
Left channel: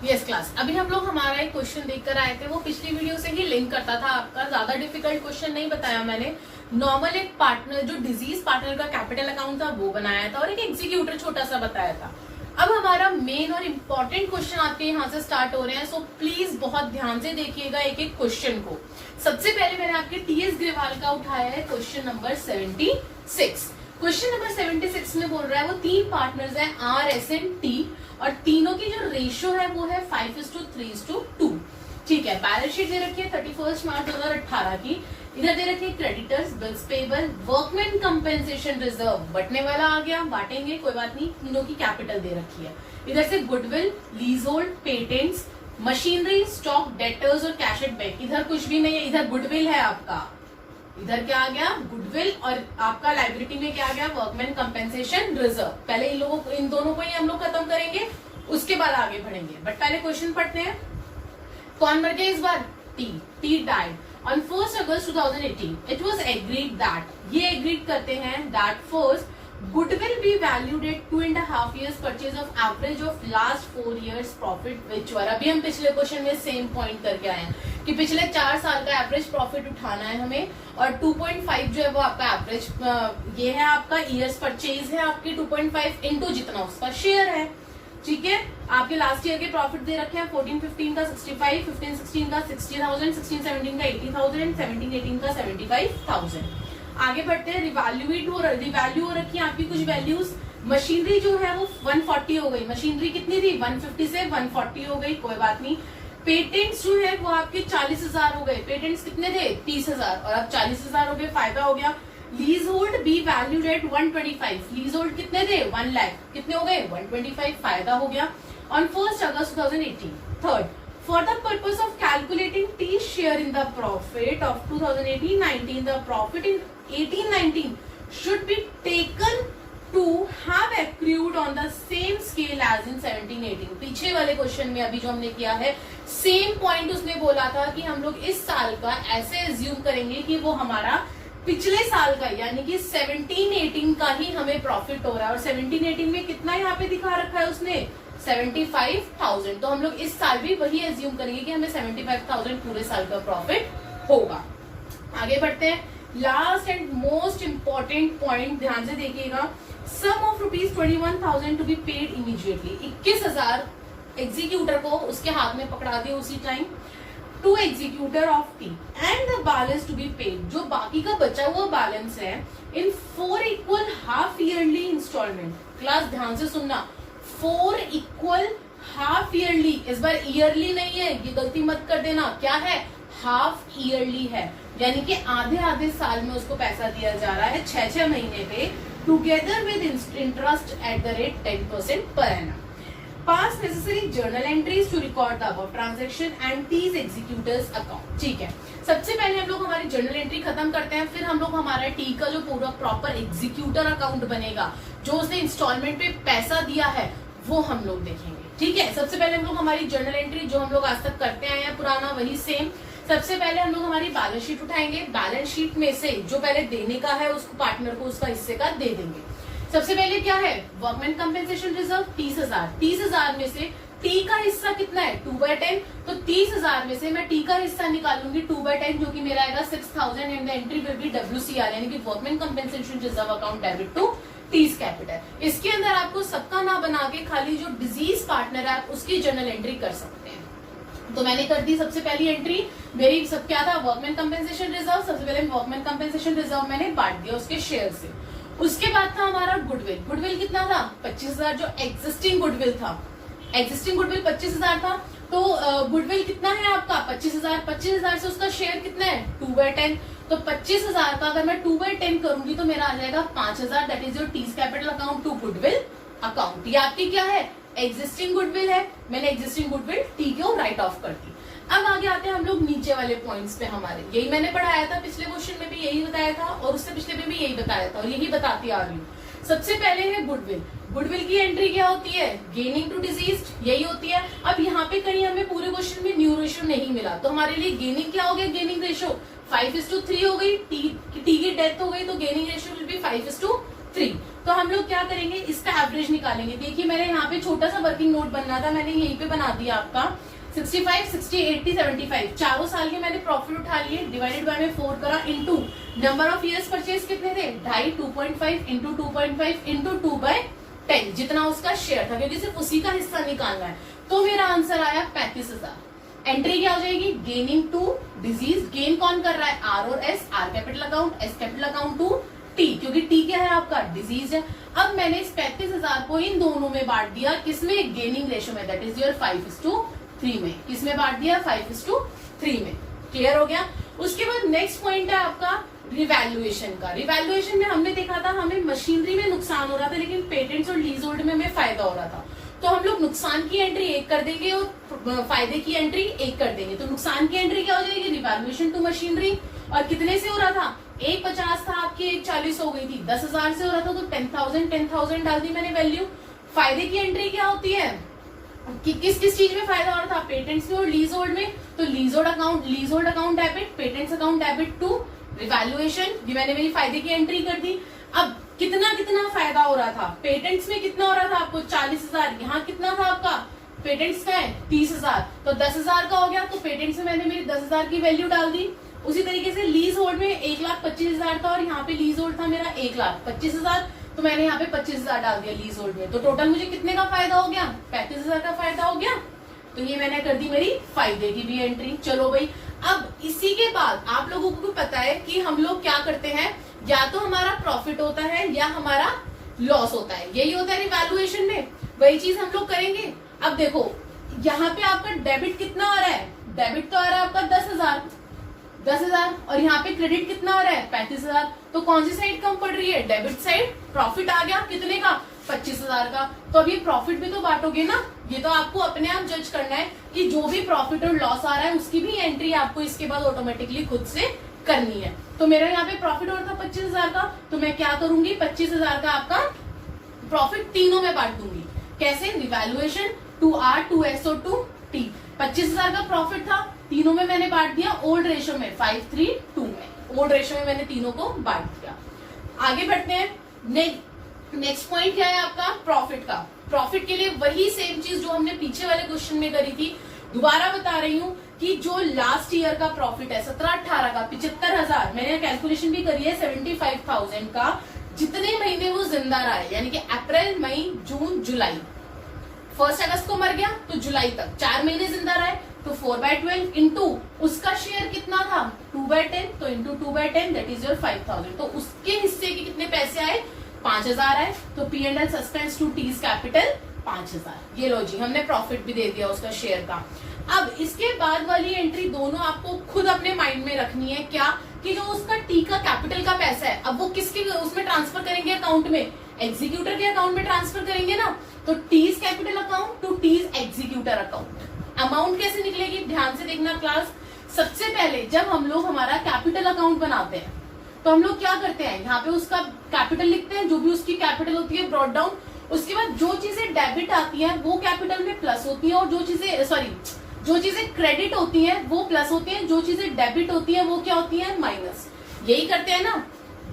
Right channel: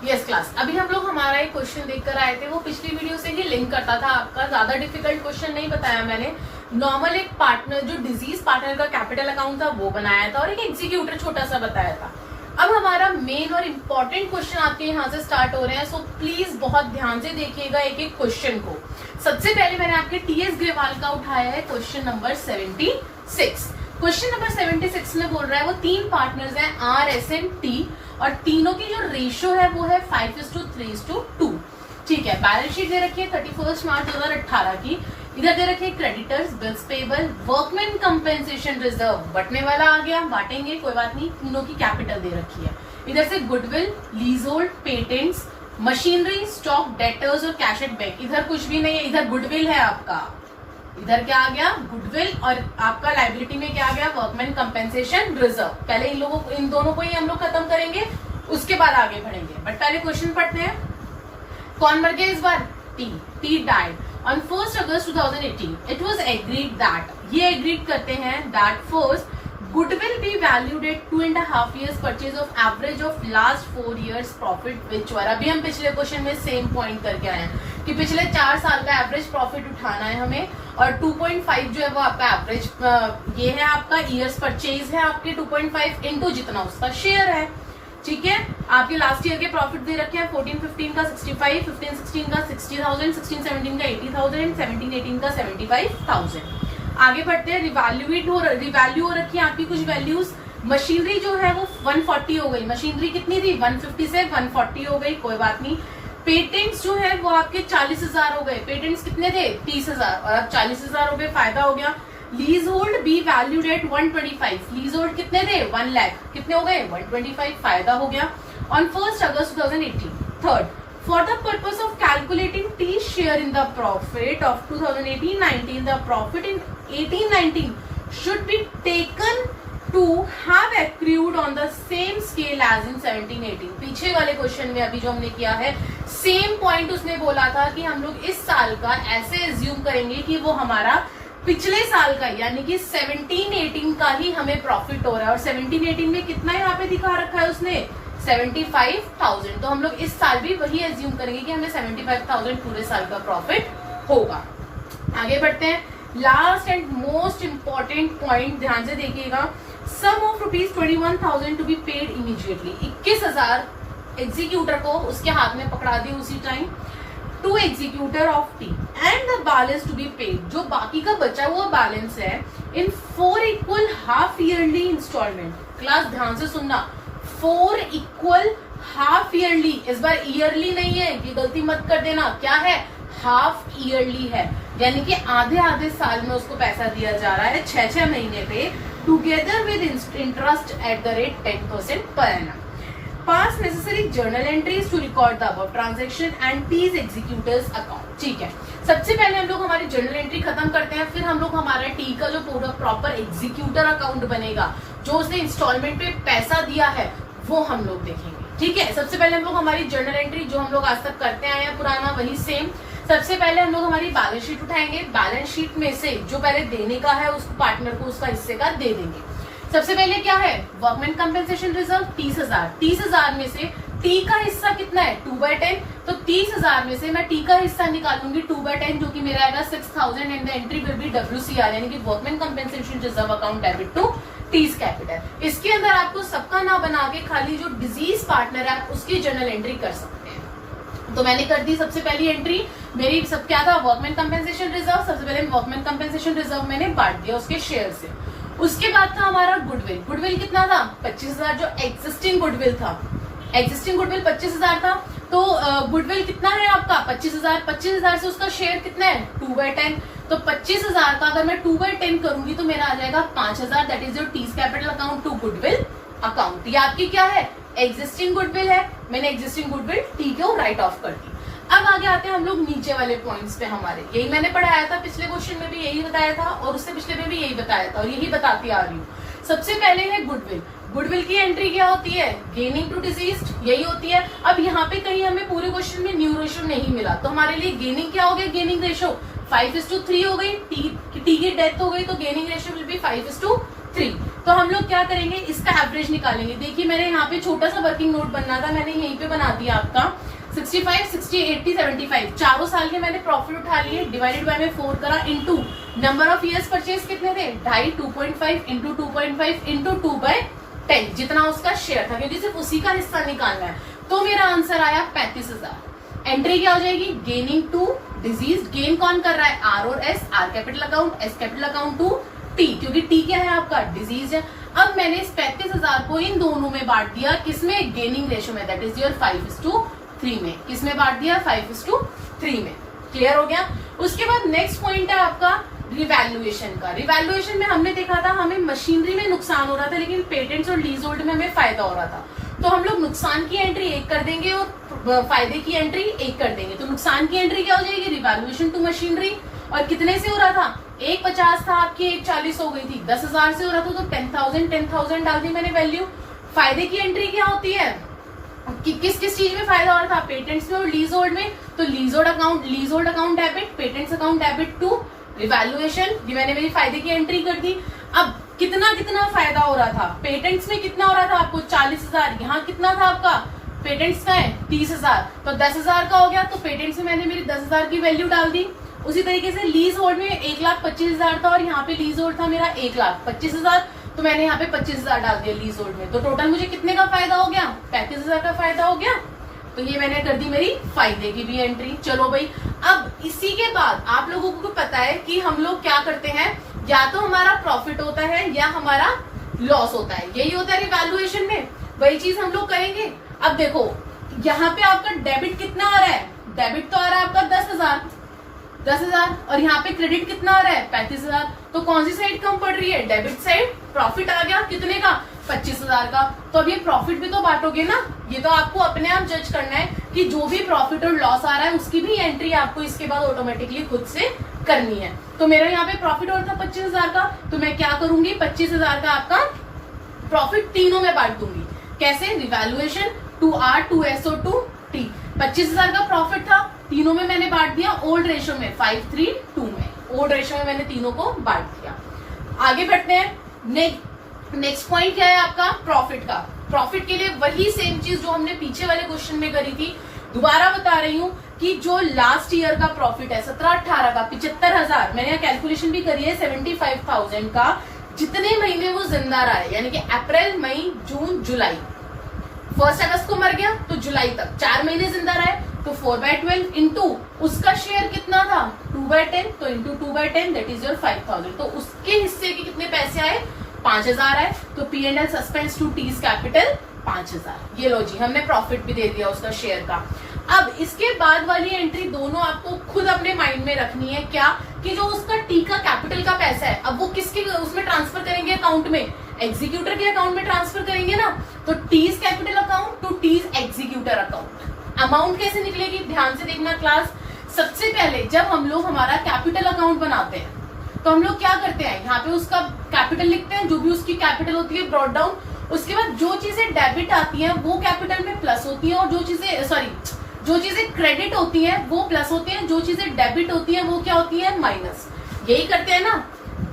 यस क्लास, अभी हम लोग हमारा एक क्वेश्चन देखकर आए थे, वो पिछली वीडियो से ही लिंक करता था आपका। ज्यादा डिफिकल्ट क्वेश्चन नहीं बताया मैंने। नॉर्मल एक पार्टनर, जो डिजीज पार्टनर का कैपिटल अकाउंट था वो बनाया था, और एक एग्जीक्यूटर छोटा सा बताया था। अब हमारा मेन और इम्पोर्टेंट क्वेश्चन आपके यहाँ से स्टार्ट हो रहे हैं, सो प्लीज बहुत ध्यान से देखिएगा एक एक क्वेश्चन को। सबसे पहले मैंने आपके टीएस ग्रेवाल का उठाया है क्वेश्चन नंबर 76। क्वेश्चन नंबर 76 में बोल रहा है वो तीन पार्टनर्स हैं आर, एस एंड टी, और तीनों की जो रेशियो है वो है 5:3:2। ठीक है, बैलेंस शीट दे रखी है 31 मार्च 2018 की। इधर दे रखे creditors, bills payable, workman compensation reserve, बटने वाला आ गया, बांटेंगे कोई बात नहीं, तीनों की कैपिटल दे रखी है। इधर से goodwill, leasehold, patents, machinery, stock, debtors और कैश एट बैंक। इधर कुछ भी नहीं है, इधर गुडविल है आपका। इधर क्या आ गया? गुडविल, और आपका लाइबिलिटी में क्या आ गया? Workman compensation reserve. पहले इन दोनों को ही हम लोग खत्म करेंगे, उसके बाद आगे बढ़ेंगे। बट पहले क्वेश्चन पढ़ते हैं। कौन मर गया इस बार? T died on 1 August 2018. It was agreed that, ये एग्रीड करते हैं that first goodwill be valued at 2.5 years purchase of average of last 4 years profit which were, अभी हम पिछले क्वेश्चन में सेम पॉइंट करके आए हैं कि पिछले 4 साल का एवरेज प्रॉफिट उठाना है हमें, और 2.5 जो है वो आपका एवरेज ये है, आपका ईयर्स परचेज है आपके 2.5 इंटू जितना उसका शेयर है। ठीक है, आपके लास्ट ईयर के प्रॉफिट दे रखे हैं 14-15 का 65, 15-16 का 60,000, 16-17 का 80,000 एंड 17-18 का 75,000। आगे बढ़ते हैं। रिवैल्यू हो रखी है आपकी कुछ वैल्यूज। मशीनरी जो है वो 140 हो गई, मशीनरी कितनी थी? 150 से 140 हो गई, कोई बात नहीं। पेटेंट्स जो है वो आपके 40,000 हो गए, पेटेंट्स कितने थे? 30,000, और अब 40,000 हो गए, फायदा हो गया। Lease hold B valued eight 125, lease hold कितने थे? 1 लाख, कितने हो गए? 125, फायदा हो गया। On 1 August 2018। Third, for the purpose of calculating T share in the profit of 2018-19, the profit in 18-19 should be taken to have accrued on the same scale as in 17-18। पीछे वाले क्वेश्चन में अभी जो हमने किया है सेम पॉइंट उसने बोला था कि हम लोग इस साल का ऐसे एज्यूम करेंगे कि वो हमारा पिछले साल का यानी कि 17-18 का ही हमें प्रॉफिट हो रहा है, और 17-18 में कितना यहाँ पे दिखा रखा है उसने? 75,000। तो हम लोग इस साल भी वही एज्यूम करेंगे कि हमें 75,000 पूरे साल का प्रॉफिट होगा। आगे बढ़ते हैं। Last and most important point ध्यान से देखिएगा। Sum of ₹21,000 to be paid immediately. 21,000 executor को उसके हाथ में पकड़ा दिए उसी time, to executor of T and the balance to be paid, जो बाकी का बचा हुआ बैलेंस है, in 4 equal half yearly instalment. Class ध्यान से सुनना, 4 इक्वल हाफ ईयरली, इस बार ईयरली नहीं है, ये गलती मत कर देना, क्या है? हाफ ईयरली है, यानी कि आधे आधे साल में उसको पैसा दिया जा रहा है 6-6 महीने पे, together with interest at the rate 10% per annum. Pass necessary journal entries to record the above transaction and T's executors account। ठीक है, सबसे पहले हम लोग हमारी जर्नल एंट्री खत्म करते हैं, फिर हम लोग हमारा टी का जो पूरा प्रॉपर एग्जीक्यूटर अकाउंट बनेगा, जो उसने इंस्टॉलमेंट पे पैसा दिया है, वो हम लोग देखेंगे। ठीक है, सबसे पहले हम लोग हमारी जर्नल एंट्री जो हम लोग आज तक करते आए हैं पुराना वही सेम। सबसे पहले हम लोग हमारी बैलेंस शीट उठाएंगे। बैलेंस शीट में से जो पहले देने का है उसको पार्टनर को उसका हिस्से का दे देंगे। सबसे पहले क्या है, वर्कमैन कंपेंसेशन रिजर्व 30,000। 30,000 में से टी का हिस्सा कितना है 2/10, तो 30,000 में से मैं टी का हिस्सा निकालूंगी 2/10 जो कि मेरा आएगा 6,000 and the entry will be WCR यानी कि workman compensation reserve account debit to T's capital. इसके अंदर आपको सबका ना बना के खाली जो डिजीज पार्टनर है उसकी जर्नल एंट्री कर सकते हैं। तो मैंने कर दी सबसे पहली एंट्री, मेरी सब क्या था, वर्कमैन कंपेंसेशन रिजर्व। सबसे पहले वर्कमैन कंपेंसेशन रिजर्व मैंने बांट दिया उसके शेयर से। उसके बाद था हमारा गुडविल। गुडविल कितना था 25,000, जो एग्जिस्टिंग गुडविल था। एग्जिस्टिंग गुडविल 25,000 था, तो गुडविल कितना है आपका 25,000। 25,000 से उसका शेयर कितना है 2/10, तो 25,000 का अगर मैं 2/10 करूंगी तो मेरा आ जाएगा 5,000। That is your T's capital account to goodwill account. ये आपकी क्या है, एग्जिस्टिंग गुडविल है। मैंने एग्जिस्टिंग गुडविल टी को राइट ऑफ कर दी। अब आगे आते हैं हम लोग नीचे वाले पॉइंट्स पे। हमारे यही मैंने पढ़ाया था, पिछले क्वेश्चन में भी यही बताया था और उससे पिछले में भी यही बताया था और यही बताती आ रही हूँ। सबसे पहले है गुडविल। गुडविल की एंट्री क्या होती है, गेनिंग टू डिजीज्ड, यही होती है। अब यहाँ पे कहीं हमें पूरे क्वेश्चन में न्यू रेशियो नहीं मिला, तो हमारे लिए गेनिंग क्या हो गया, गेनिंग रेशियो 5:3 हो गई। टी की डेथ हो गई तो गेनिंग रेशियो विल बी 5:3। तो हम लोग क्या करेंगे, इसका एवरेज निकालेंगे। देखिए मेरे यहाँ पे छोटा सा वर्किंग नोट बनना था, मैंने यहीं पे बना दिया आपका 65, 60, 80, 75 चारों साल के मैंने प्रॉफिट उठा लिए, डिवाइडेड बाय में 4 करा, into number of years purchase कितने थे 2.5, 2.5 इंटू 2.5 इंटू 2/10 जितना उसका शेयर था, क्योंकि सिर्फ उसी का हिस्सा निकालना है। तो मेरा आंसर आया 35,000। एंट्री क्या हो जाएगी, गेनिंग टू डिजीज। गेन कौन कर रहा है, आर और S, R capital account, S capital account to T, क्योंकि टी क्या है आपका डिजीज है। अब मैंने इस 35,000 को इन दोनों में बांट दिया, किसमें, गेनिंग रेशियो में, दैट इज योर 5:3 में। किसमें बांट दिया 5:3 में। क्लियर हो गया। उसके बाद नेक्स्ट पॉइंट है आपका रिवैल्यूएशन का। रिवैल्यूएशन में हमने देखा था हमें मशीनरी में नुकसान हो रहा था, लेकिन पेटेंट्स और लीज होल्ड में हमें फायदा हो रहा था। तो हम लोग नुकसान की एंट्री एक कर देंगे और फायदे की एंट्री एक कर देंगे। तो नुकसान की एंट्री क्या हो जाएगी, रिवैल्यूएशन टू मशीनरी, और कितने से हो रहा था, 150 था आपकी 140 हो गई थी, 10,000 से हो रहा था तो 10,000 डाल दी मैंने वैल्यू। फायदे की एंट्री क्या होती है कि किस किस चीज में फायदा हो रहा था, पेटेंट्स में और लीज होल्ड में। तो leasehold account debit, patents account debit to revaluation, ये मैंने मेरी फायदे की एंट्री कर दी। अब कितना कितना फायदा हो रहा था, पेटेंट्स में कितना हो रहा था आपको 40,000, यहाँ कितना था आपका पेटेंट्स का है 30,000, तो 10,000 का हो गया। तो पेटेंट्स में मैंने मेरी 10,000 की वैल्यू डाल दी। उसी तरीके से लीज होल्ड में 1,25,000 था और यहाँ पे लीज होल्ड था मेरा 1,25,000, तो मैंने यहाँ पे 25,000 डाल दिया लीज होल्ड में। तो टोटल मुझे कितने का फायदा हो गया, 35,000 का फायदा हो गया। तो ये मैंने कर दी मेरी फायदे की भी एंट्री। चलो भाई, अब इसी के बाद आप लोगों को पता है कि हम लोग क्या करते हैं, या तो हमारा प्रॉफिट होता है या हमारा लॉस होता है, यही होता है रिवैल्यूएशन में, वही चीज हम लोग करेंगे। अब देखो यहाँ पे आपका डेबिट कितना आ रहा है, डेबिट तो आ रहा है आपका 10,000 और यहाँ पे क्रेडिट कितना आ रहा है 35,000। तो कौन सी साइड कम पड़ रही है, डेबिट साइड। प्रॉफिट आ गया कितने का 25,000 का। तो अब ये प्रॉफिट भी तो बांटोगे ना, ये तो आपको अपने आप जज करना है कि जो भी प्रॉफिट और लॉस आ रहा है उसकी भी एंट्री आपको इसके बाद ऑटोमेटिकली खुद से करनी है। तो मेरा यहाँ पे प्रॉफिट और था 25,000 का, तो मैं क्या करूंगी 25,000 का आपका प्रॉफिट तीनों में बांट दूंगी। कैसे, revaluation, to R, to S और टू टी। 25,000 का प्रॉफिट था, तीनों में मैंने बांट दिया ओल्ड रेशियो में 5:3:2 में। ओल्ड रेशियो में मैंने तीनों को बांट दिया। आगे बढ़ते हैं। नेक्स्ट पॉइंट क्या है आपका, प्रॉफिट का। प्रॉफिट के लिए वही सेम चीज जो हमने पीछे वाले क्वेश्चन में करी थी, दोबारा बता रही हूँ कि जो लास्ट ईयर का प्रॉफिट है 17-18 का 75,000, मैंने कैलकुलेशन भी करी है 75,000 का, जितने महीने वो जिंदा रहा है, यानी कि अप्रैल, मई, जून, जुलाई, 1 अगस्त को मर गया तो जुलाई तक 4 महीने जिंदा रहे, तो 4/12 इंटू उसका शेयर कितना था 2/10, तो इंटू 2/10 दैट इज योर 5,000। तो उसके हिस्से के कितने पैसे आए 5,000 आए। तो P&L suspense to T's capital 5,000। ये लो जी, हमने प्रॉफिट भी दे दिया उसका शेयर का। अब इसके बाद वाली एंट्री दोनों आपको खुद अपने माइंड में रखनी है, क्या कि जो उसका टी का कैपिटल का पैसा है, अब वो किसके उसमें ट्रांसफर करेंगे अकाउंट में, एग्जीक्यूटर के अकाउंट में ट्रांसफर करेंगे ना। तो T's capital account to T's executor account. Amount कैसे निकलेगी, ध्यान से देखना क्लास। सबसे पहले जब हम लोग हमारा कैपिटल अकाउंट बनाते हैं तो हम लोग क्या करते हैं, यहाँ पे उसका कैपिटल लिखते हैं, जो भी उसकी कैपिटल होती है ब्रॉट डाउन। उसके बाद जो चीजें डेबिट आती हैं वो कैपिटल में प्लस होती है, और जो चीजें जो चीजें क्रेडिट होती है वो प्लस होती है, जो चीजें डेबिट होती है वो क्या होती है, माइनस। यही करते हैं ना,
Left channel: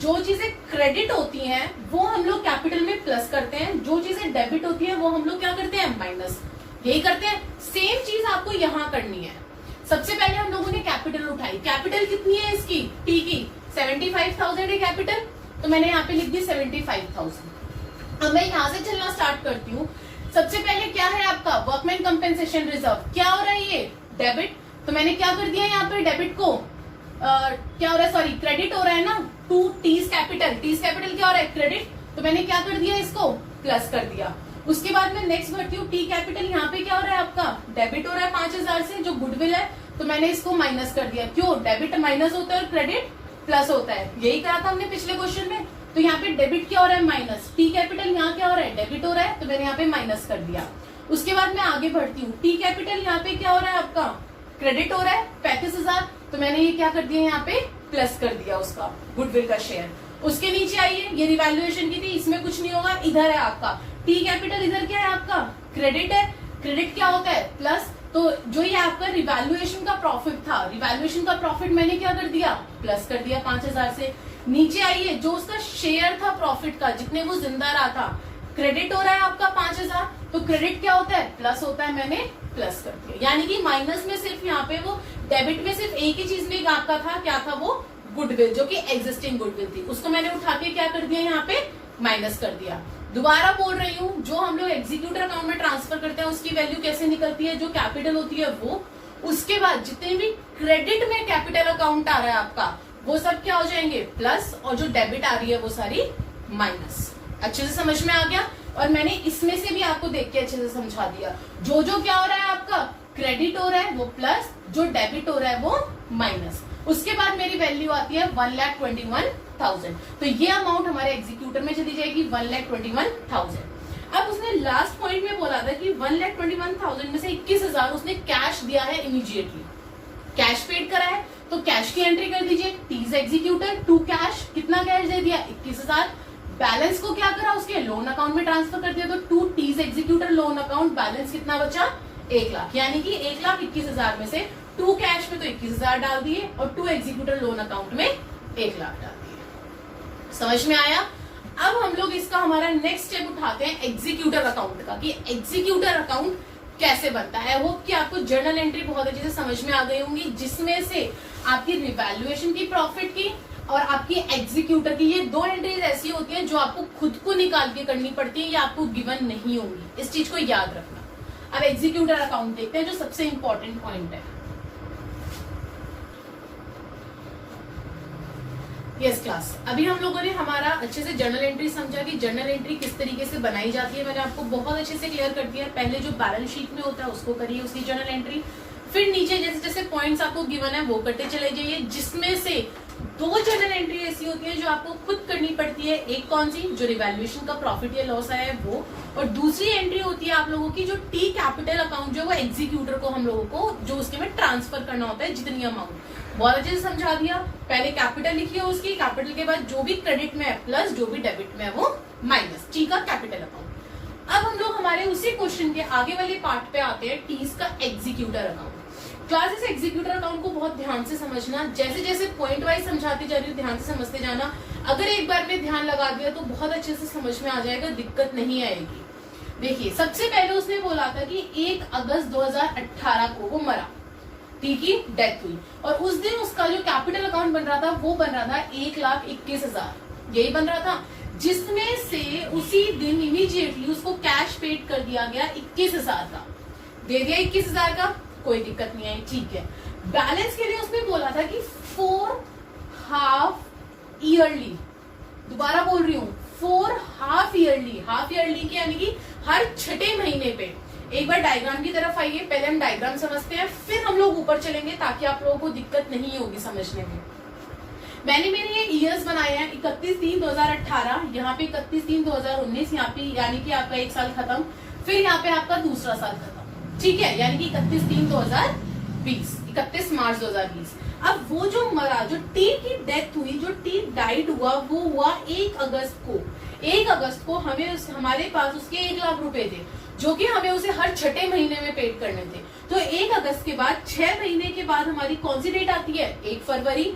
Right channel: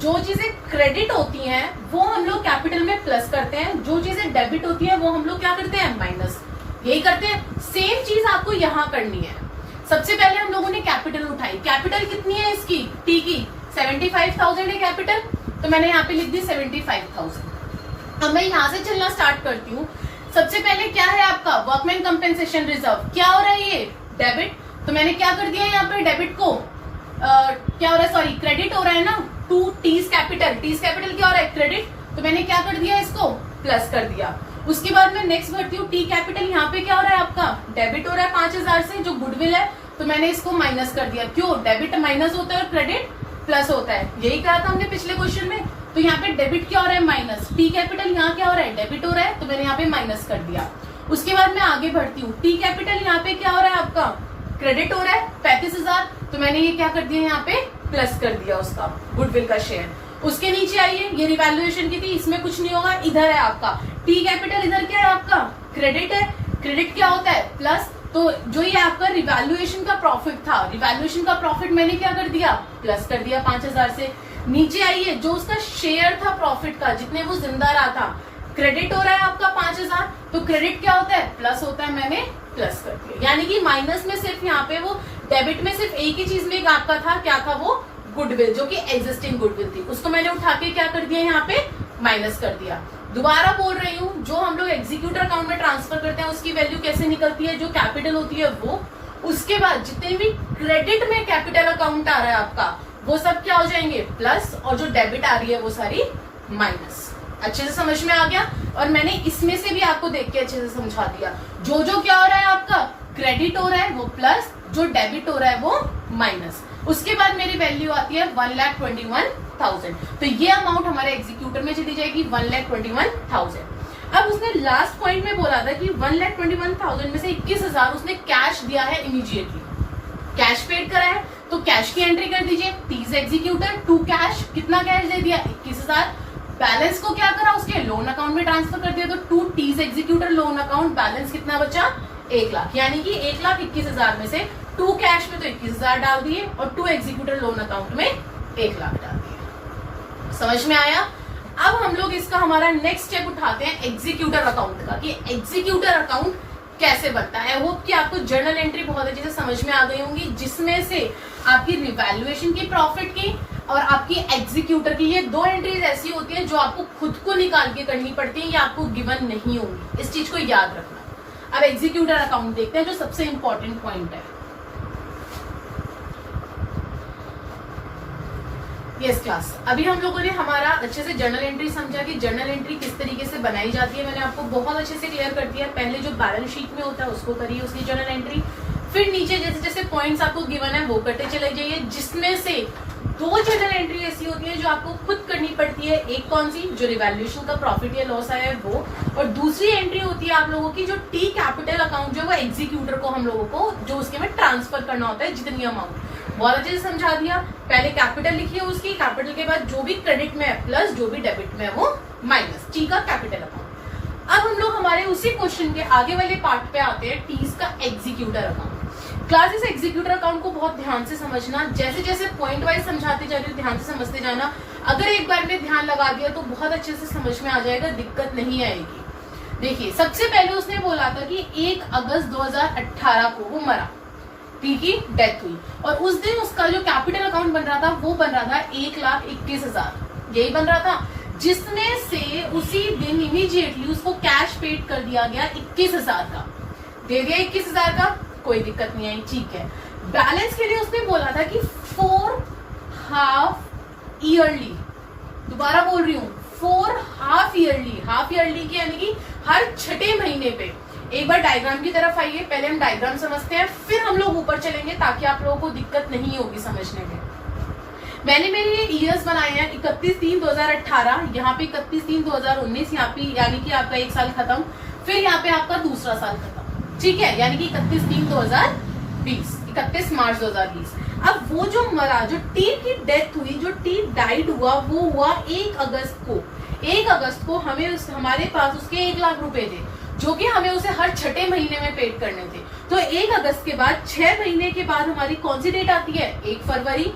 जो चीजें क्रेडिट होती हैं वो हम लोग कैपिटल में प्लस करते हैं, जो चीजें डेबिट होती है वो हम लोग क्या करते हैं, माइनस। यही करते हैं। सेम चीज आपको यहाँ करनी है। सबसे पहले हम लोगों ने कैपिटल उठाई। कैपिटल कितनी है इसकी, टी की 75,000 है कैपिटल, तो मैंने यहाँ पे लिख दी 75,000। अब मैं यहाँ से चलना स्टार्ट करती हूँ। सबसे पहले क्या है आपका वर्कमैन कंपेंसेशन रिजर्व, क्या हो रहा है ये, डेबिट, तो मैंने क्या कर दिया यहाँ पे डेबिट को क्या हो रहा है, सॉरी क्रेडिट हो रहा है ना, to T's capital, T's capital क्या हो रहा है, क्रेडिट, तो मैंने क्या कर दिया इसको प्लस कर दिया। उसके बाद मैं नेक्स्ट बढ़ती हूँ, टी कैपिटल यहाँ पे क्या हो रहा है आपका, डेबिट हो रहा है 5,000 से, जो गुडविल है, तो मैंने इसको माइनस कर दिया। क्यों, डेबिट माइनस होता है और क्रेडिट प्लस होता है, यही कहा था हमने पिछले क्वेश्चन में। तो यहाँ पे डेबिट क्या हो रहा है, माइनस, टी कैपिटल यहाँ क्या हो रहा है, डेबिट हो रहा है, तो मैंने यहाँ पे माइनस कर दिया। उसके बाद मैं आगे बढ़ती हूँ, टी कैपिटल यहाँ पे क्या हो रहा है आपका, क्रेडिट हो रहा है 35,000, तो मैंने ये क्या कर दिया यहाँ पे प्लस कर दिया उसका गुडविल का शेयर। उसके नीचे आइए, ये रिवैल्यूएशन की थी, इसमें कुछ नहीं होगा, इधर है आपका टी कैपिटल, इधर क्या है आपका क्रेडिट है, क्रेडिट क्या होता है प्लस, तो जो ये आपका रिवैल्यूएशन का प्रॉफिट था, रिवैल्यूएशन का प्रॉफिट मैंने क्या कर दिया, प्लस कर दिया 5,000 से। नीचे आइए, जो उसका शेयर था प्रॉफिट का, जितने वो जिंदा रहा था, क्रेडिट हो रहा है आपका 5,000, तो क्रेडिट क्या होता है, प्लस होता है, मैंने प्लस कर दिया। यानी कि माइनस में सिर्फ यहाँ पे वो, डेबिट में सिर्फ एक ही चीज में आपका था, क्या था वो, गुडविल, जो कि एग्जिस्टिंग गुडविल थी, उसको मैंने उठा के क्या कर दिया यहाँ पे माइनस कर दिया। दोबारा बोल रही हूँ, जो हम लोग एग्जीक्यूटर अकाउंट में ट्रांसफर करते हैं उसकी वैल्यू कैसे निकलती है, जो कैपिटल होती है वो, उसके बाद जितने भी क्रेडिट में कैपिटल अकाउंट आ रहा है आपका, वो सब क्या हो जाएंगे प्लस, और जो डेबिट आ रही है वो सारी माइनस। अच्छे से समझ में आ गया, और मैंने इसमें से भी आपको देख के अच्छे से समझा दिया। जो जो क्या हो रहा है आपका, क्रेडिट हो रहा है वो प्लस, जो डेबिट हो रहा है वो माइनस। उसके बाद मेरी वैल्यू आती है 1,21,000, तो ये अमाउंट हमारे एग्जीक्यूटर में चली जाएगी 1,21,000। अब उसने लास्ट पॉइंट में बोला था कि 1,21,000 में से 21,000 उसने कैश दिया है इमीडिएटली, कैश पेड करा है, तो कैश की एंट्री कर दीजिए, टीज एग्जीक्यूटर टू कैश, कितना कैश दे दिया 21,000, बैलेंस को क्या करा, उसके लोन अकाउंट में ट्रांसफर कर दिया, तो to T's executor loan account, balance कितना बचा 1 लाख, यानी कि 1,21,000 में से टू कैश में तो 21,000 डाल दिए और टू एग्जीक्यूटर लोन अकाउंट में 1 लाख डाल दिए। समझ में आया। अब हम लोग इसका हमारा नेक्स्ट स्टेप उठाते हैं एग्जीक्यूटर अकाउंट का, कि एग्जीक्यूटर अकाउंट कैसे बनता है। होप कि आपको जर्नल एंट्री बहुत अच्छे से समझ में आ गई होंगी, जिसमें से आपकी रिवैल्यूएशन की, प्रॉफिट की और आपकी एग्जीक्यूटर की, ये 2 एंट्रीज ऐसी होती हैं जो आपको खुद को निकाल के करनी पड़ती है, या आपको गिवन नहीं होंगी, इस चीज को याद रखना। अब एग्जीक्यूटर अकाउंट देखते हैं, जो सबसे इंपॉर्टेंट पॉइंट है। यस क्लास, अभी हम लोगों ने हमारा अच्छे से जर्नल एंट्री समझा कि जर्नल एंट्री किस तरीके से बनाई जाती है, मैंने आपको बहुत अच्छे से क्लियर कर दिया। पहले जो बैलेंस शीट में होता है उसको करिए, उसकी जर्नल एंट्री, फिर नीचे जैसे जैसे पॉइंट्स आपको गिवन है वो करते चले जाइए, जिसमें से 2 जर्नल एंट्री ऐसी होती है जो आपको खुद करनी पड़ती है। एक कौन सी, जो रिवैल्यूएशन का प्रॉफिट या लॉस आया है वो, और दूसरी एंट्री होती है आप लोगों की जो टी कैपिटल अकाउंट जो है वो एग्जीक्यूटर को हम लोगों को जो उसके में ट्रांसफर करना होता है, जितनी अमाउंट। बहुत अच्छे से समझा दिया। पहले कैपिटल लिखिए उसकी, कैपिटल के बाद जो भी क्रेडिट में है प्लस, जो भी डेबिट में है वो माइनस, टी का कैपिटल अकाउंट। अब हम लोग हमारे उसी क्वेश्चन के आगे वाले पार्ट पे आते हैं, टीज का executor account. Classes executor account को बहुत ध्यान से समझना, जैसे जैसे पॉइंट वाइज समझाते जा रही हूँ ध्यान से समझते जाना। अगर एक बार में ध्यान लगा दिया तो बहुत अच्छे से समझ में आ जाएगा, दिक्कत नहीं आएगी। देखिए, सबसे पहले उसने बोला था कि 1 अगस्त 2018 को वो मरा, ठीक है, डेथ हुई, और उस दिन उसका जो कैपिटल अकाउंट बन रहा था वो बन रहा था 1,21,000, यही बन रहा था, जिसमें से उसी दिन इमीडिएटली उसको कैश पेड कर दिया गया 21,000 का, दे दिया 21,000 का, कोई दिक्कत नहीं आई, ठीक है। बैलेंस के लिए उसने बोला था कि 4 हाफ ईयरली, दोबारा बोल रही हूँ 4 हाफ ईयरली, हाफ ईयरली की यानी कि हर 6ठे महीने पे। एक बार डायग्राम की तरफ आइए, पहले हम डायग्राम समझते हैं, फिर हम लोग ऊपर चलेंगे ताकि आप लोगों को दिक्कत नहीं होगी समझने में। मैंने मेरे ये ईयर्स बनाए हैं 31/3/2018, यहाँ पे 31/3/2019, यहाँ पे यानी कि आपका 1 साल खत्म, फिर यहाँ पे आपका दूसरा साल खत्म, ठीक है, यानी कि 31/3/2020, 31 मार्च 2020। अब वो जो मरा, जो टी की डेथ हुई, जो टी डाइड हुआ, वो हुआ 1 अगस्त को। 1 अगस्त को हमें हमारे पास उसके 1 लाख रुपए थे, जो कि हमें उसे हर छठे महीने में पेड करने थे। तो 1 अगस्त के बाद 6 महीने के बाद हमारी कौन सी डेट आती है? 1 फरवरी।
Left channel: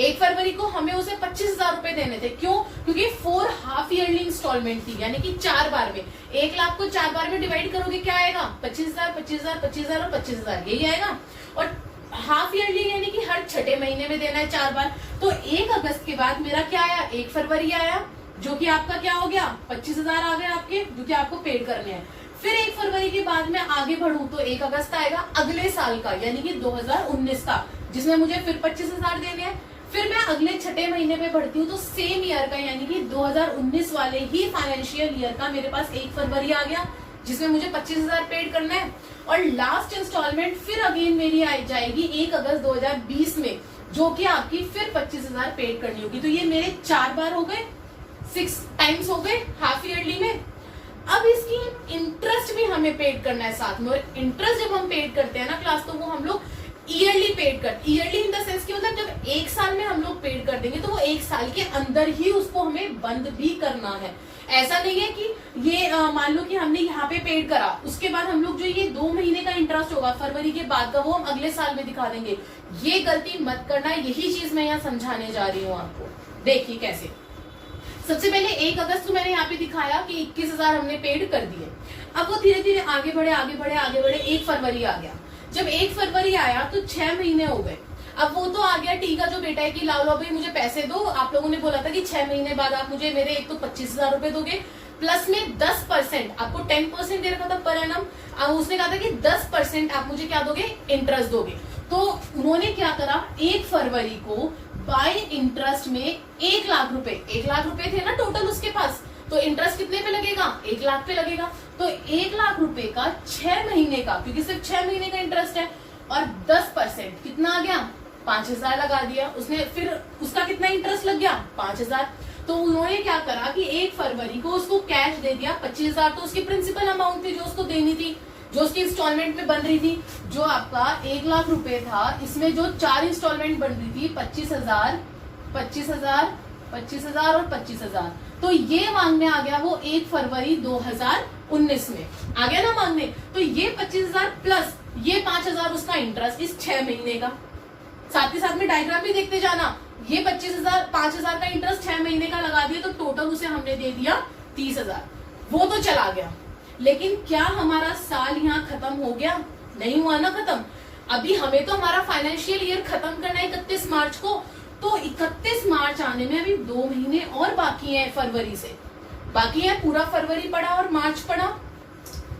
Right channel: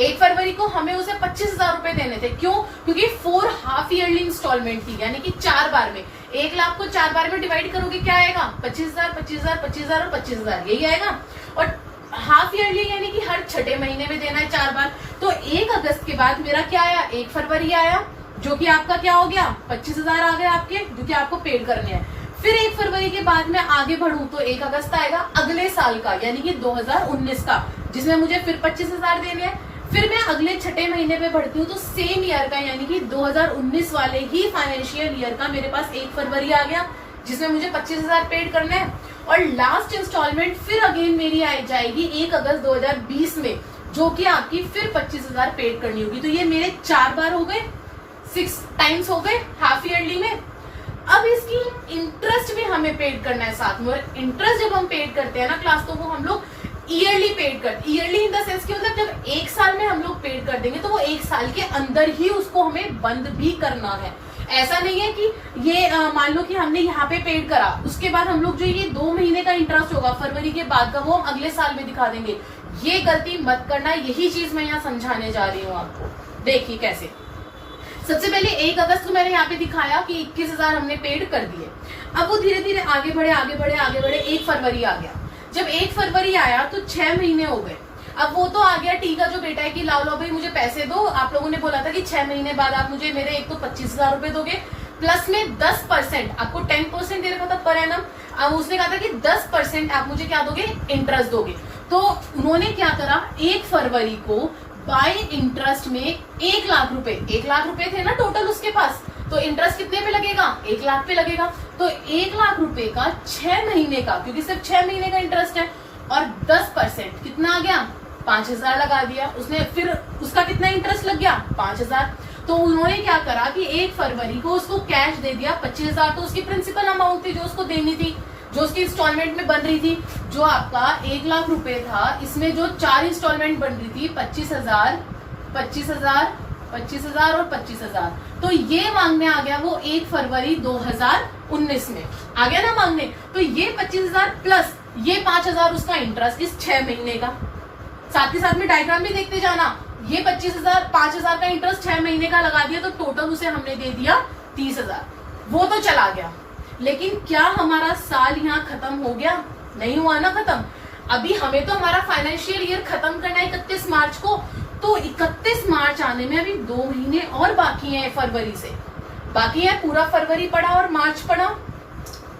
1 फरवरी को हमें उसे 25,000 रुपए देने थे। क्यों? क्योंकि 4 हाफ ईयरली इंस्टॉलमेंट थी, यानी कि 4 बार में। 1 लाख को 4 बार में डिवाइड करोगे क्या आएगा? 25,000, 25,000, 25,000 और 25,000, यही आएगा। और हाफ ईयरली यानी कि हर छठे महीने में देना है 4 बार। तो 1 अगस्त के बाद मेरा क्या आया? 1 फरवरी आया, जो कि आपका क्या हो गया? 25,000 आ गए आपके, जो कि आपको पेड करने हैं। फिर 1 फरवरी के बाद मैं आगे बढ़ूं तो 1 अगस्त आएगा अगले साल का, यानी कि 2019 का, जिसमें मुझे फिर 25,000 देने हैं। फिर मैं अगले छठे महीने पे बढ़ती हूँ तो सेम ईयर का, यानी कि 2019 वाले ही फाइनेंशियल ईयर का मेरे पास 1 फरवरी आ गया, जिसमें मुझे 25,000 पेड करने हैं। और लास्ट इंस्टॉलमेंट फिर अगेन मेरी आई जाएगी 1 अगस्त 2020 में, जो कि आपकी फिर 25,000 पेड करनी होगी। तो ये मेरे 4 बार हो गए, 6 टाइम्स हो गए हाफ ईयरली में। अब इसकी इंटरेस्ट भी हमें पेड करना है साथ में, और इंटरेस्ट जब हम पेड करते हैं ना क्लास, तो वो हम लोग ईयरली पेड करते, ईयरली इन द सेंस कि मतलब जब 1 साल में हम लोग पेड कर देंगे तो वो 1 साल के अंदर ही उसको हमें बंद भी करना है। ऐसा नहीं है कि ये मान लो कि हमने यहाँ पे पेड करा, उसके बाद हम लोग जो ये 2 महीने का इंटरेस्ट होगा फरवरी के बाद का, वो हम अगले साल में दिखा देंगे। ये गलती मत करना, यही चीज मैं यहाँ समझाने जा रही हूँ आपको। देखिए कैसे। सबसे पहले 1 अगस्त को मैंने यहाँ पे दिखाया कि 21,000 हमने पेड कर दिए। अब वो धीरे धीरे आगे बढ़े आगे बढ़े आगे बढ़े, 1 फरवरी आ गया। जब 1 फरवरी आया तो 6 महीने हो गए। अब वो तो आ गया टीका जो बेटा है कि लाओ भाई मुझे पैसे दो। आप लोगों ने बोला था कि 6 महीने बाद आप मुझे मेरे एक तो 25,000 रुपए दोगे, प्लस में 10%, आपको 10% दे रखा था पर एनम। उसने कहा था कि 10% आप मुझे क्या दोगे? इंटरेस्ट दोगे। तो उन्होंने क्या करा, 1 फरवरी को बाय इंटरेस्ट में 1 लाख रुपए, 1 लाख रुपए थे ना टोटल उसके पास, तो इंटरेस्ट कितने पे लगेगा? 1 लाख पे लगेगा। तो 1 लाख रुपए का 6 महीने का, क्योंकि सिर्फ 6 महीने का इंटरेस्ट है, और 10% कितना आ गया? 5,000 लगा दिया उसने। फिर उसका कितना इंटरेस्ट लग गया? 5,000। तो उन्होंने क्या करा कि 1 फरवरी को उसको कैश दे दिया 25,000। तो उसकी प्रिंसिपल अमाउंट थी जो उसको देनी थी, जो उसकी इंस्टॉलमेंट में बन रही थी। जो आपका 1 लाख रुपए था, इसमें जो 4 इंस्टॉलमेंट बन रही थी, 25,000, 25,000, 25,000 और 25,000, तो ये मांगने आ गया वो 1 फरवरी 2019 में आ गया ना मांगने। तो ये 25,000 प्लस ये 5,000 उसका इंटरेस्ट इस 6 महीने का। साथ ही साथ में डायग्राम भी देखते जाना। ये 25,000, 5,000 का इंटरेस्ट 6 महीने का लगा दिया, तो टोटल उसे हमने दे दिया 30,000। वो तो चला गया, लेकिन क्या हमारा साल यहाँ खत्म हो गया? नहीं हुआ ना खत्म। अभी हमें तो हमारा फाइनेंशियल ईयर खत्म करना है 31 मार्च को। तो 31 मार्च आने में अभी 2 महीने और बाकी हैं फरवरी से, बाकी है पूरा फरवरी पड़ा और मार्च पड़ा।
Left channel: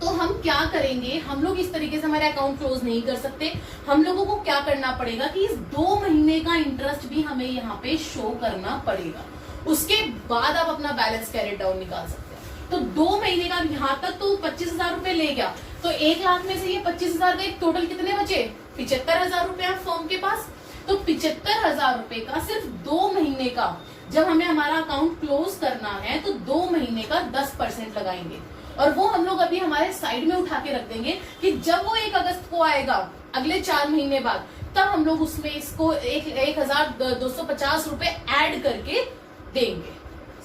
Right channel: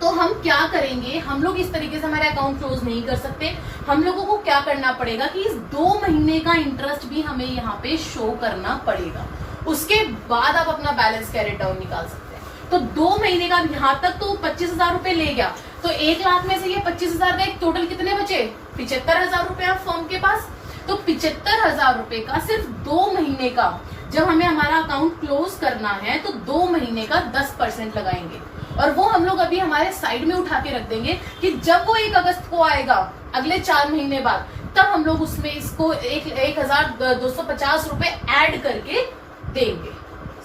तो हम क्या करेंगे? हम लोग इस तरीके से हमारे अकाउंट क्लोज नहीं कर सकते। हम लोगों को क्या करना पड़ेगा कि इस 2 महीने का इंटरेस्ट भी हमें यहाँ पे शो करना पड़ेगा। उसके बाद आप अपना बैलेंस कैरेट डाउन निकाल सकते हैं। तो 2 महीने का यहाँ तक तो 25,000 रुपए ले गया, तो 1 लाख में से ये 25,000 का एक टोटल कितने बचे? 75,000 रुपए आप फर्म के पास। तो 75,000 रुपए का सिर्फ 2 महीने का, जब हमें हमारा अकाउंट क्लोज करना है तो 2 महीने का 10% लगाएंगे, और वो हम लोग अभी हमारे साइड में उठा के रख देंगे कि जब वो 1 अगस्त को आएगा अगले 4 महीने बाद, तब हम लोग उसमें इसको 1,250 रुपए ऐड करके देंगे।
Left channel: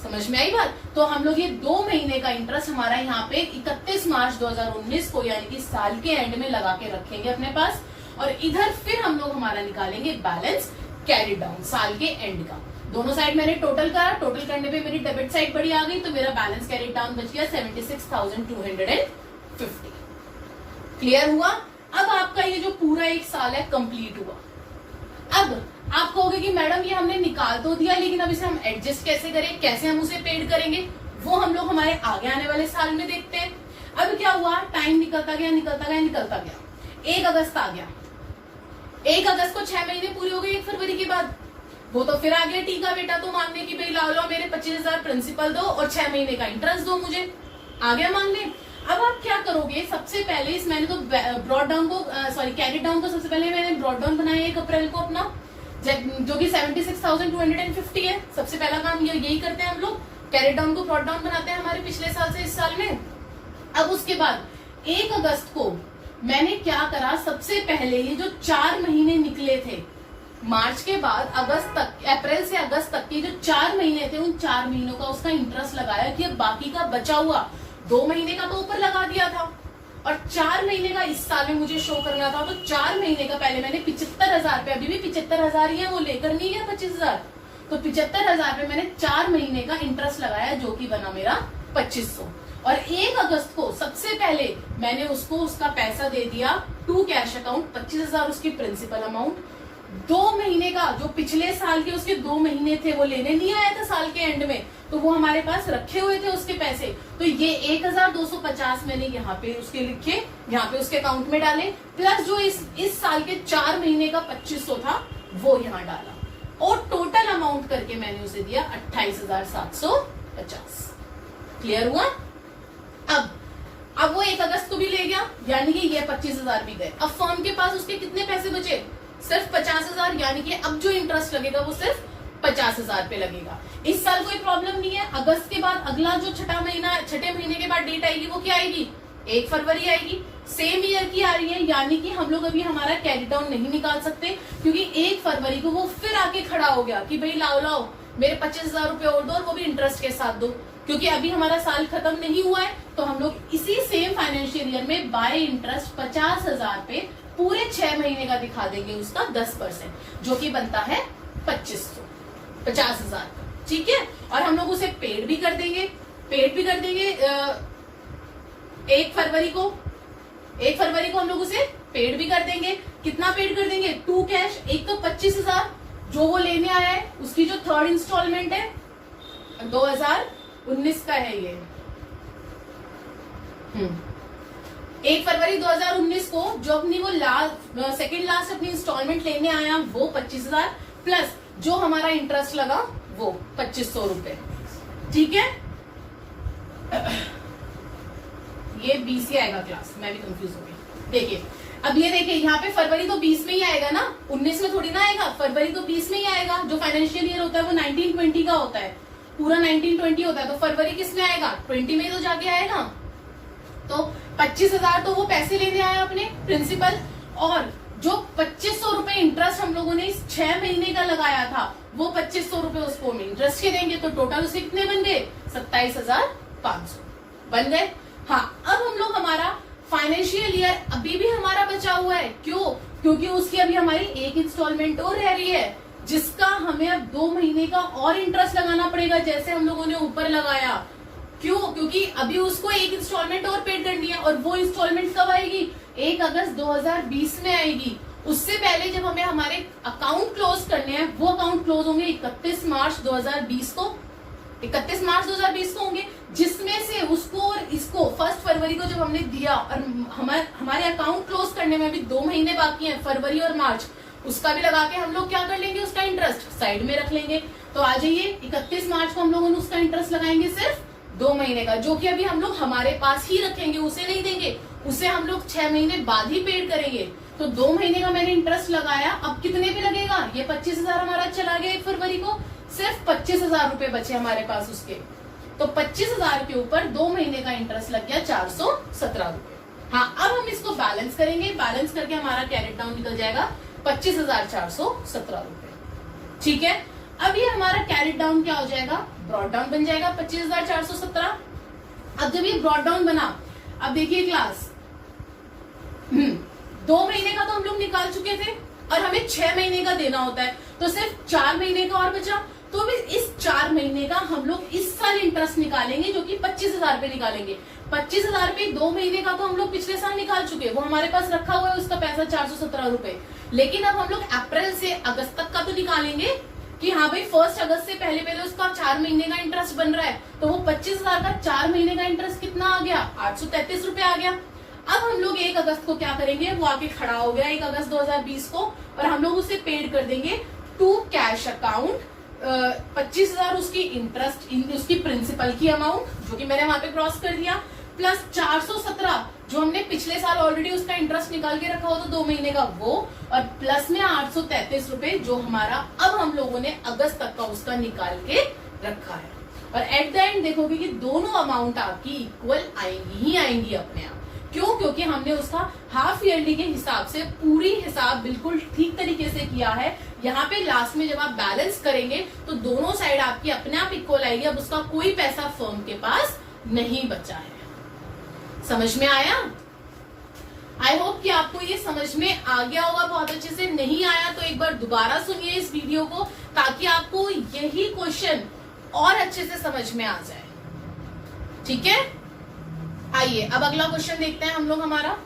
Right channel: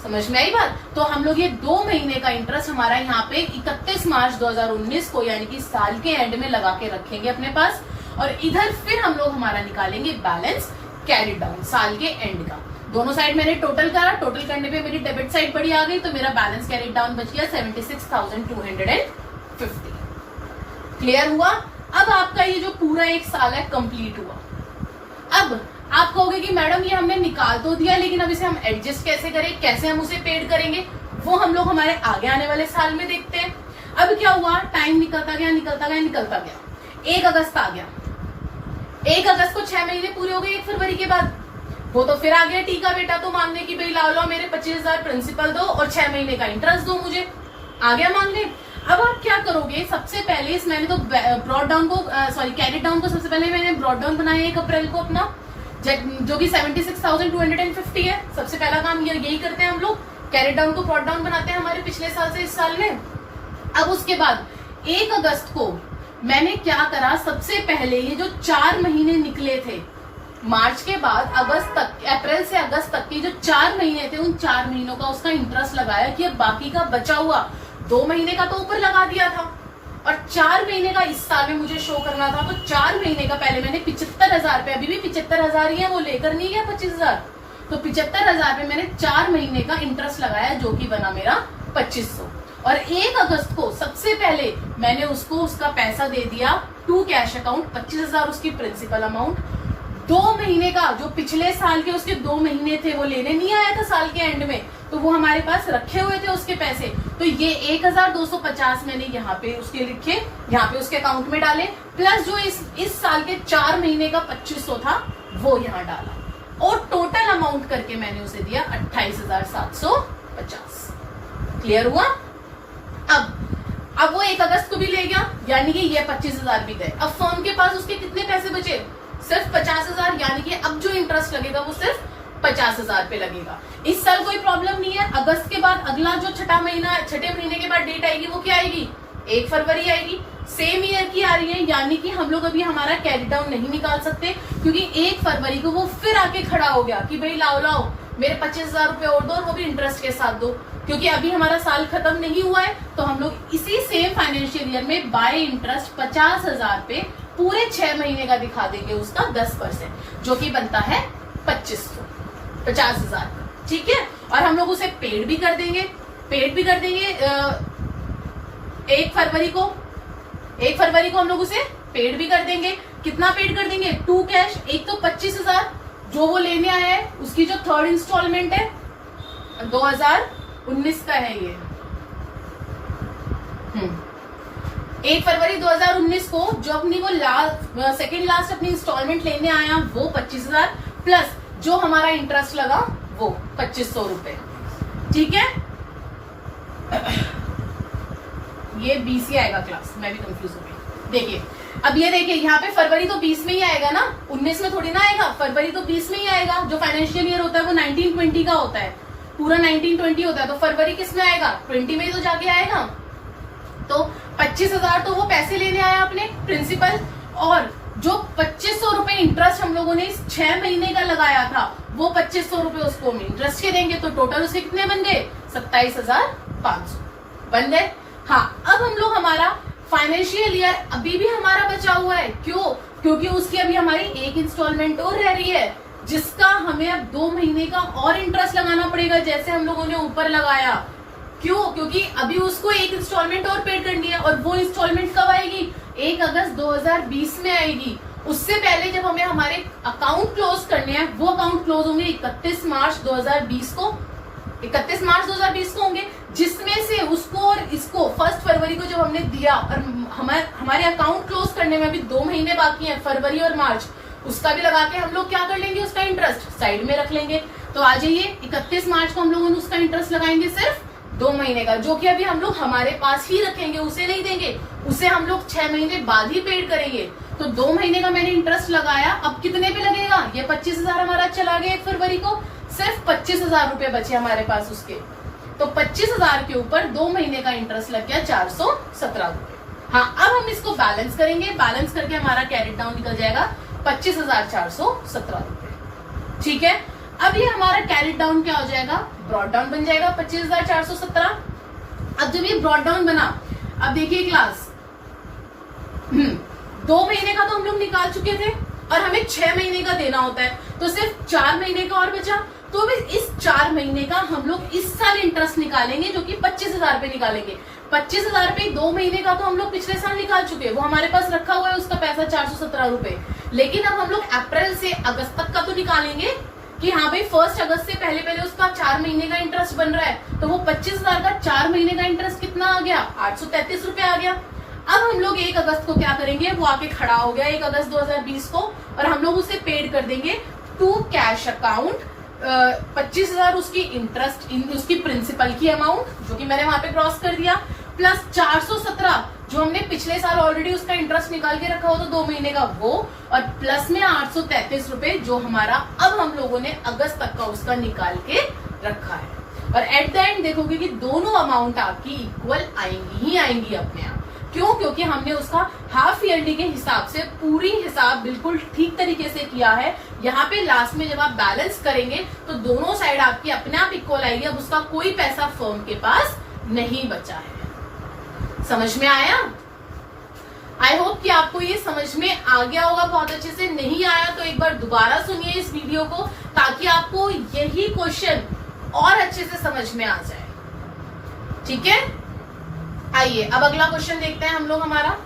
समझ में आई बात? तो हम लोग ये 2 महीने का इंटरेस्ट हमारा यहाँ पे 31 मार्च 2019 को, यानी कि साल के एंड में लगा के रखेंगे अपने पास, और इधर फिर हम लोग हमारा निकालेंगे बैलेंस कैरी डाउन साल के एंड का। दोनों साइड मैंने टोटल करा, टोटल करने पे मेरी डेबिट साइड बड़ी आ गई, तो मेरा बैलेंस कैरी डाउन बच गया 76,250। क्लियर हुआ? अब आपका ये जो पूरा 1 साल है कंप्लीट हुआ। अब आप कहोगे कि मैडम ये हमने निकाल तो दिया, लेकिन अब इसे हम एडजस्ट कैसे करें, कैसे हम उसे पेड करेंगे, वो हम लोग हमारे आगे आने वाले साल में देखते हैं। अब क्या हुआ? टाइम निकलता गया निकलता गया निकलता गया, 1 अगस्त आ गया। 1 अगस्त को 6 महीने पूरे हो गए 1 फरवरी के बाद। वो तो फिर आ गया टीका बेटा तो मांगने की, भाई लाओ मेरे 25,000 प्रिंसिपल दो और 6 महीने का इंटरेस्ट दो मुझे। आ गया मांगने। अब आप क्या करोगे? सबसे पहले इस मैंने तो ब्रॉड डाउन को कैरेट डाउन को सबसे पहले मैंने ब्रॉड डाउन बनाया 1 अप्रैल को अपना, जो कि 76,250 है। सबसे पहला काम यही करते हैं हम लोग, कैरेट डाउन को ब्रॉड डाउन बनाते हैं हमारे पिछले साल से इस साल में। अब उसके बाद 1 अगस्त को मैंने क्या करा? सबसे पहले ये जो 4 महीने निकले थे मार्च के बाद अगस्त तक, अप्रैल से अगस्त तक के जो 4 महीने थे, उन 4 महीनों का उसका इंटरेस्ट लगाया कि अब बाकी का बचा हुआ 2 महीने का तो ऊपर लगा दिया था और 4 महीने का इस साल में मुझे शो करना था, तो 4 महीने का पहले मैंने 75,000 रुपए, अभी भी 75,000 ही है, वो लेकर नहीं गया 25,000, तो 75,000 पे मैंने 4 महीने का इंटरेस्ट लगाया जो कि बना मेरा 2500। और 1 अगस्त को सबसे पहले मैंने उसको उसका पैसा दे दिया टू कैश अकाउंट, 25,000 उसकी प्रिंसिपल अमाउंट। 2 महीने का जो पिछले साल के उसके 2 महीने थे वो लेने नहीं आया था साल के एंड में, तो वो हमारे पास रखे हुए थे उसके पैसे, तो ये 1,250 मैंने यहाँ पे उसके लिखे, यहाँ पे उसके अकाउंट में डाले, प्लस जो इस साल के 4 महीने का 2500 था वो यहाँ डाला, और टोटल अमाउंट करके मैंने उसे दिया 28,750। क्लियर हुआ? अब वो 1 अगस्त को भी ले गया, यानी कि ये 25,000 भी गए। अब फर्म के पास उसके कितने पैसे बचे? सिर्फ 50,000, यानी कि अब जो इंटरेस्ट लगेगा वो सिर्फ 50,000 पे लगेगा। इस साल कोई प्रॉब्लम नहीं है। अगस्त के बाद अगला जो छठे महीने के बाद डेट आएगी वो क्या आएगी? 1 फरवरी आएगी, सेम ईयर की आ रही है, यानी कि हम लोग अभी हमारा कैरी डाउन नहीं निकाल सकते, क्योंकि 1 फरवरी को वो फिर आके खड़ा हो गया कि भाई लाओ मेरे 25,000 रुपए और दो, और वो भी इंटरेस्ट के साथ दो, क्योंकि अभी हमारा साल खत्म नहीं हुआ है। तो हम लोग इसी सेम फाइनेंशियल ईयर में बाय इंटरेस्ट 50,000 पे पूरे 6 महीने का दिखा देंगे उसका 10%, जो कि बनता है 2500, 50,000। ठीक है, और हम लोग उसे पेड भी कर देंगे 1 फरवरी को हम लोग उसे पेड भी कर देंगे। कितना पेड कर देंगे? 2 कैश। एक तो 25,000 जो वो लेने आया है, उसकी जो 3rd इंस्टॉलमेंट है 2019 का है ये। 1 फरवरी 2019 को जो अपनी वो सेकेंड लास्ट अपनी इंस्टॉलमेंट लेने आया वो 25,000, प्लस जो हमारा इंटरेस्ट लगा वो 2500 रुपए। ठीक है, ये 20 ही आएगा क्लास, मैं भी कंफ्यूज हो गई। देखिए अब ये देखिए, यहाँ पे फरवरी तो 20 में ही आएगा ना, 19 में थोड़ी ना आएगा, फरवरी तो 20 में ही आएगा। जो फाइनेंशियल ईयर होता है वो 1920 का होता है, पूरा 1920 होता है, तो फरवरी किस में आएगा? 20 में ही तो जाके आएगा। तो 25,000 तो वो पैसे लेने आया अपने प्रिंसिपल, और जो 2500 रुपए इंटरेस्ट हम लोगों ने इस 6 महीने का लगाया था वो 2500 रुपए उसको हम इंटरेस्ट के देंगे, तो टोटल उसके कितने बन गए? 27,500 बन गए। हाँ, अब हम लोग हमारा फाइनेंशियल ईयर अभी भी हमारा बचा हुआ है। क्यों? क्योंकि उसकी अभी हमारी 1 इंस्टॉलमेंट और रह रही है, जिसका हमें अब 2 महीने का और इंटरेस्ट लगाना पड़ेगा, जैसे हम लोगों ने ऊपर लगाया। क्यों? क्योंकि अभी उसको 1 इंस्टॉलमेंट और पेड करनी है, और वो इंस्टॉलमेंट कब आएगी? 1 अगस्त 2020 में आएगी। उससे पहले जब हमें हमारे अकाउंट क्लोज करने हैं, वो अकाउंट क्लोज होंगे 31 मार्च 2020 को, 31 मार्च 2020 को होंगे, जिसमें से उसको और इसको 1 फरवरी को जब हमने दिया, और हमारे अकाउंट क्लोज करने में अभी 2 महीने बाकी हैं, फरवरी और मार्च, उसका भी लगा के हम लोग क्या कर लेंगे? उसका इंटरेस्ट साइड में रख लेंगे। तो आ जाइए, 31 मार्च को हम लोगों ने उसका इंटरेस्ट लगाएंगे सिर्फ 2 महीने का, जो कि अभी हम लोग हमारे पास ही रखेंगे, उसे नहीं देंगे, उसे हम लोग 6 महीने बाद ही पेड करेंगे। तो 2 महीने का मैंने इंटरेस्ट लगाया, अब कितने पे लगेगा? ये 25,000 हमारा चला गया 1 फरवरी को, सिर्फ 25,000 रुपए बचे हमारे पास उसके, तो 25,000 के ऊपर 2 महीने का इंटरेस्ट लग गया 417 रुपए। हाँ, अब हम इसको बैलेंस करेंगे, बैलेंस करके हमारा कैरी डाउन निकल जाएगा 25,417 रुपए। ठीक है, अब ये हमारा कैरी डाउन क्या हो जाएगा? ब्रॉड डाउन बन जाएगा 25,417। अब जब ये ब्रॉड डाउन बना, अब देखिए क्लास, 2 महीने का तो हम लोग निकाल चुके थे, और हमें 6 महीने का देना होता है, तो सिर्फ 4 महीने का और बचा। तो भी इस 4 महीने का हम लोग इस साल इंटरेस्ट निकालेंगे, जो कि 25,000 पे निकालेंगे। 25,000 पे 2 महीने का तो हम लोग पिछले साल निकाल चुके हैं, वो हमारे पास रखा हुआ है उसका पैसा 417 रुपए। लेकिन अब हम लोग अप्रैल से अगस्त तक का तो निकालेंगे कि हाँ भाई 1 अगस्त से पहले उसका 4 महीने का इंटरेस्ट बन रहा है, तो वो 25,000 का 4 महीने का इंटरेस्ट कितना आ गया? 833 रुपए आ गया। अब हम लोग 1 अगस्त को क्या करेंगे? वो आके खड़ा हो गया 1 अगस्त 2020 को, और हम लोग उसे पेड कर देंगे टू कैश अकाउंट 25,000 उसकी इंटरेस्ट, उसकी प्रिंसिपल की अमाउंट, जो कि मैंने वहां पे क्रॉस कर दिया, प्लस 417 जो हमने पिछले साल ऑलरेडी उसका इंटरेस्ट निकाल के रखा हो तो 2 महीने का वो, और प्लस में 833 रुपए जो हमारा अब हम लोगों ने अगस्त तक का उसका निकाल के रखा है। और एट द एंड देखोगे कि दोनों अमाउंट आपकी इक्वल आएंगी ही आएंगी अपने आप। क्यों? क्योंकि हमने उसका हाफ ईयरली के हिसाब से पूरी हिसाब बिल्कुल ठीक तरीके से किया है। यहाँ पे लास्ट में जब आप बैलेंस करेंगे तो दोनों साइड आपकी अपने आप इक्वल आएगी। अब उसका कोई पैसा फर्म के पास नहीं बचा है। समझ में आया? आई होप कि आपको ये समझ में आ गया होगा बहुत अच्छे से। नहीं आया तो एक बार दोबारा सुनिए इस वीडियो को, ताकि आपको यही क्वेश्चन और अच्छे से समझ में आ जाए। ठीक है, आइए अब अगला क्वेश्चन देखते हैं हम लोग हमारा।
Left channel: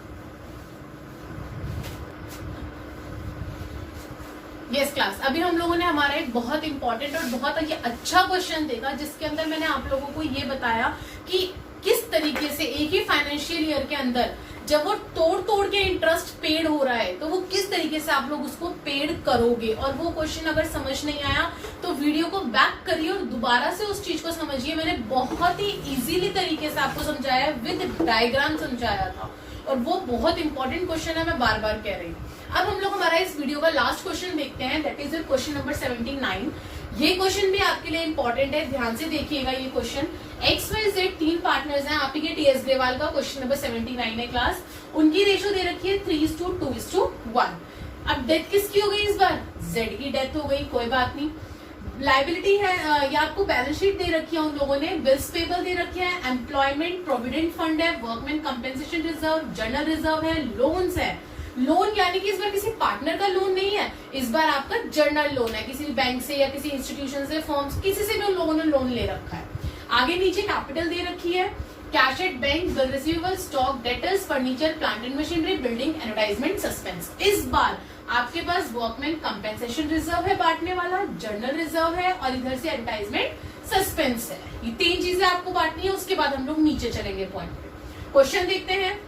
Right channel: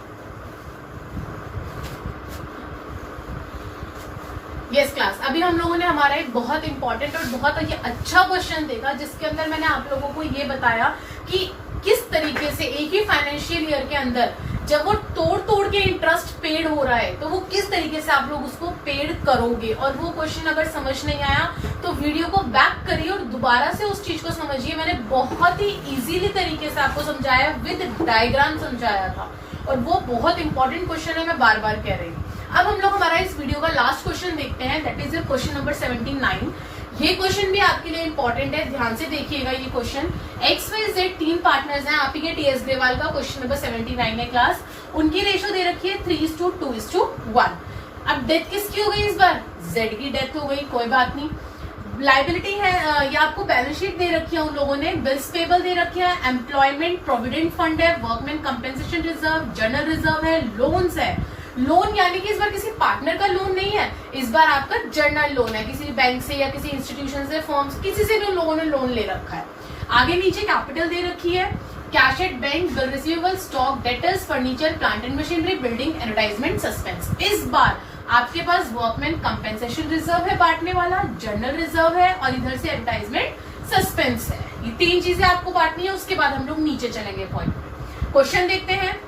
यस क्लास, अभी हम लोगों ने हमारा एक बहुत इंपॉर्टेंट और बहुत ही अच्छा क्वेश्चन देखा, जिसके अंदर मैंने आप लोगों को ये बताया कि किस तरीके से एक ही फाइनेंशियल ईयर के अंदर जब वो तोड़ तोड़ के इंटरेस्ट पेड हो रहा है तो वो किस तरीके से आप लोग उसको पेड करोगे। और वो क्वेश्चन अगर समझ नहीं आया तो वीडियो को बैक करिए और दोबारा से उस चीज को समझिए। मैंने बहुत ही इजीली तरीके से आपको समझाया, विद डायग्राम समझाया था, और वो बहुत इंपॉर्टेंट क्वेश्चन है, मैं बार बार कह रही हूँ। अब हम लोग हमारा इस वीडियो का लास्ट क्वेश्चन देखते हैं, दैट इज क्वेश्चन नंबर 79। ये क्वेश्चन भी आपके लिए इंपॉर्टेंट है, ध्यान से देखिएगा ये क्वेश्चन। XYZ 3 पार्टनर्स हैं, आप ही के TS ग्रेवाल का क्वेश्चन नंबर 79 है क्लास। उनकी रेशो दे रखी है 3:2:1। अब डेथ किसकी हो गई इस बार? Z की डेथ हो गई, कोई बात नहीं। लाइबिलिटी है, या आपको बैलेंस शीट दे रखी है उन लोगों ने, बिल्स पेबल दे रखे हैं, एम्प्लॉयमेंट प्रोविडेंट फंड है, workman compensation reserve, journal reserve है, लोन्स है। लोन यानी कि इस बार किसी पार्टनर का लोन नहीं है, इस बार आपका जर्नल लोन है, किसी बैंक से या किसी इंस्टीट्यूशन से, फर्म, किसी से भी उन लोगों ने लोन ले रखा है। आगे नीचे कैपिटल दे रखी है, cash at bank, bill receivable, stock, debtors, furniture, plant and machinery, building, advertisement, suspense. इस बार आपके पास वर्कमैन कंपेंसेशन रिजर्व है बांटने वाला, जर्नल रिजर्व है, और इधर से एडवर्टाइजमेंट सस्पेंस है। ये 3 चीजें आपको बांटनी है। उसके बाद हम लोग नीचे चलेंगे पॉइंट पे। क्वेश्चन देखते हैं।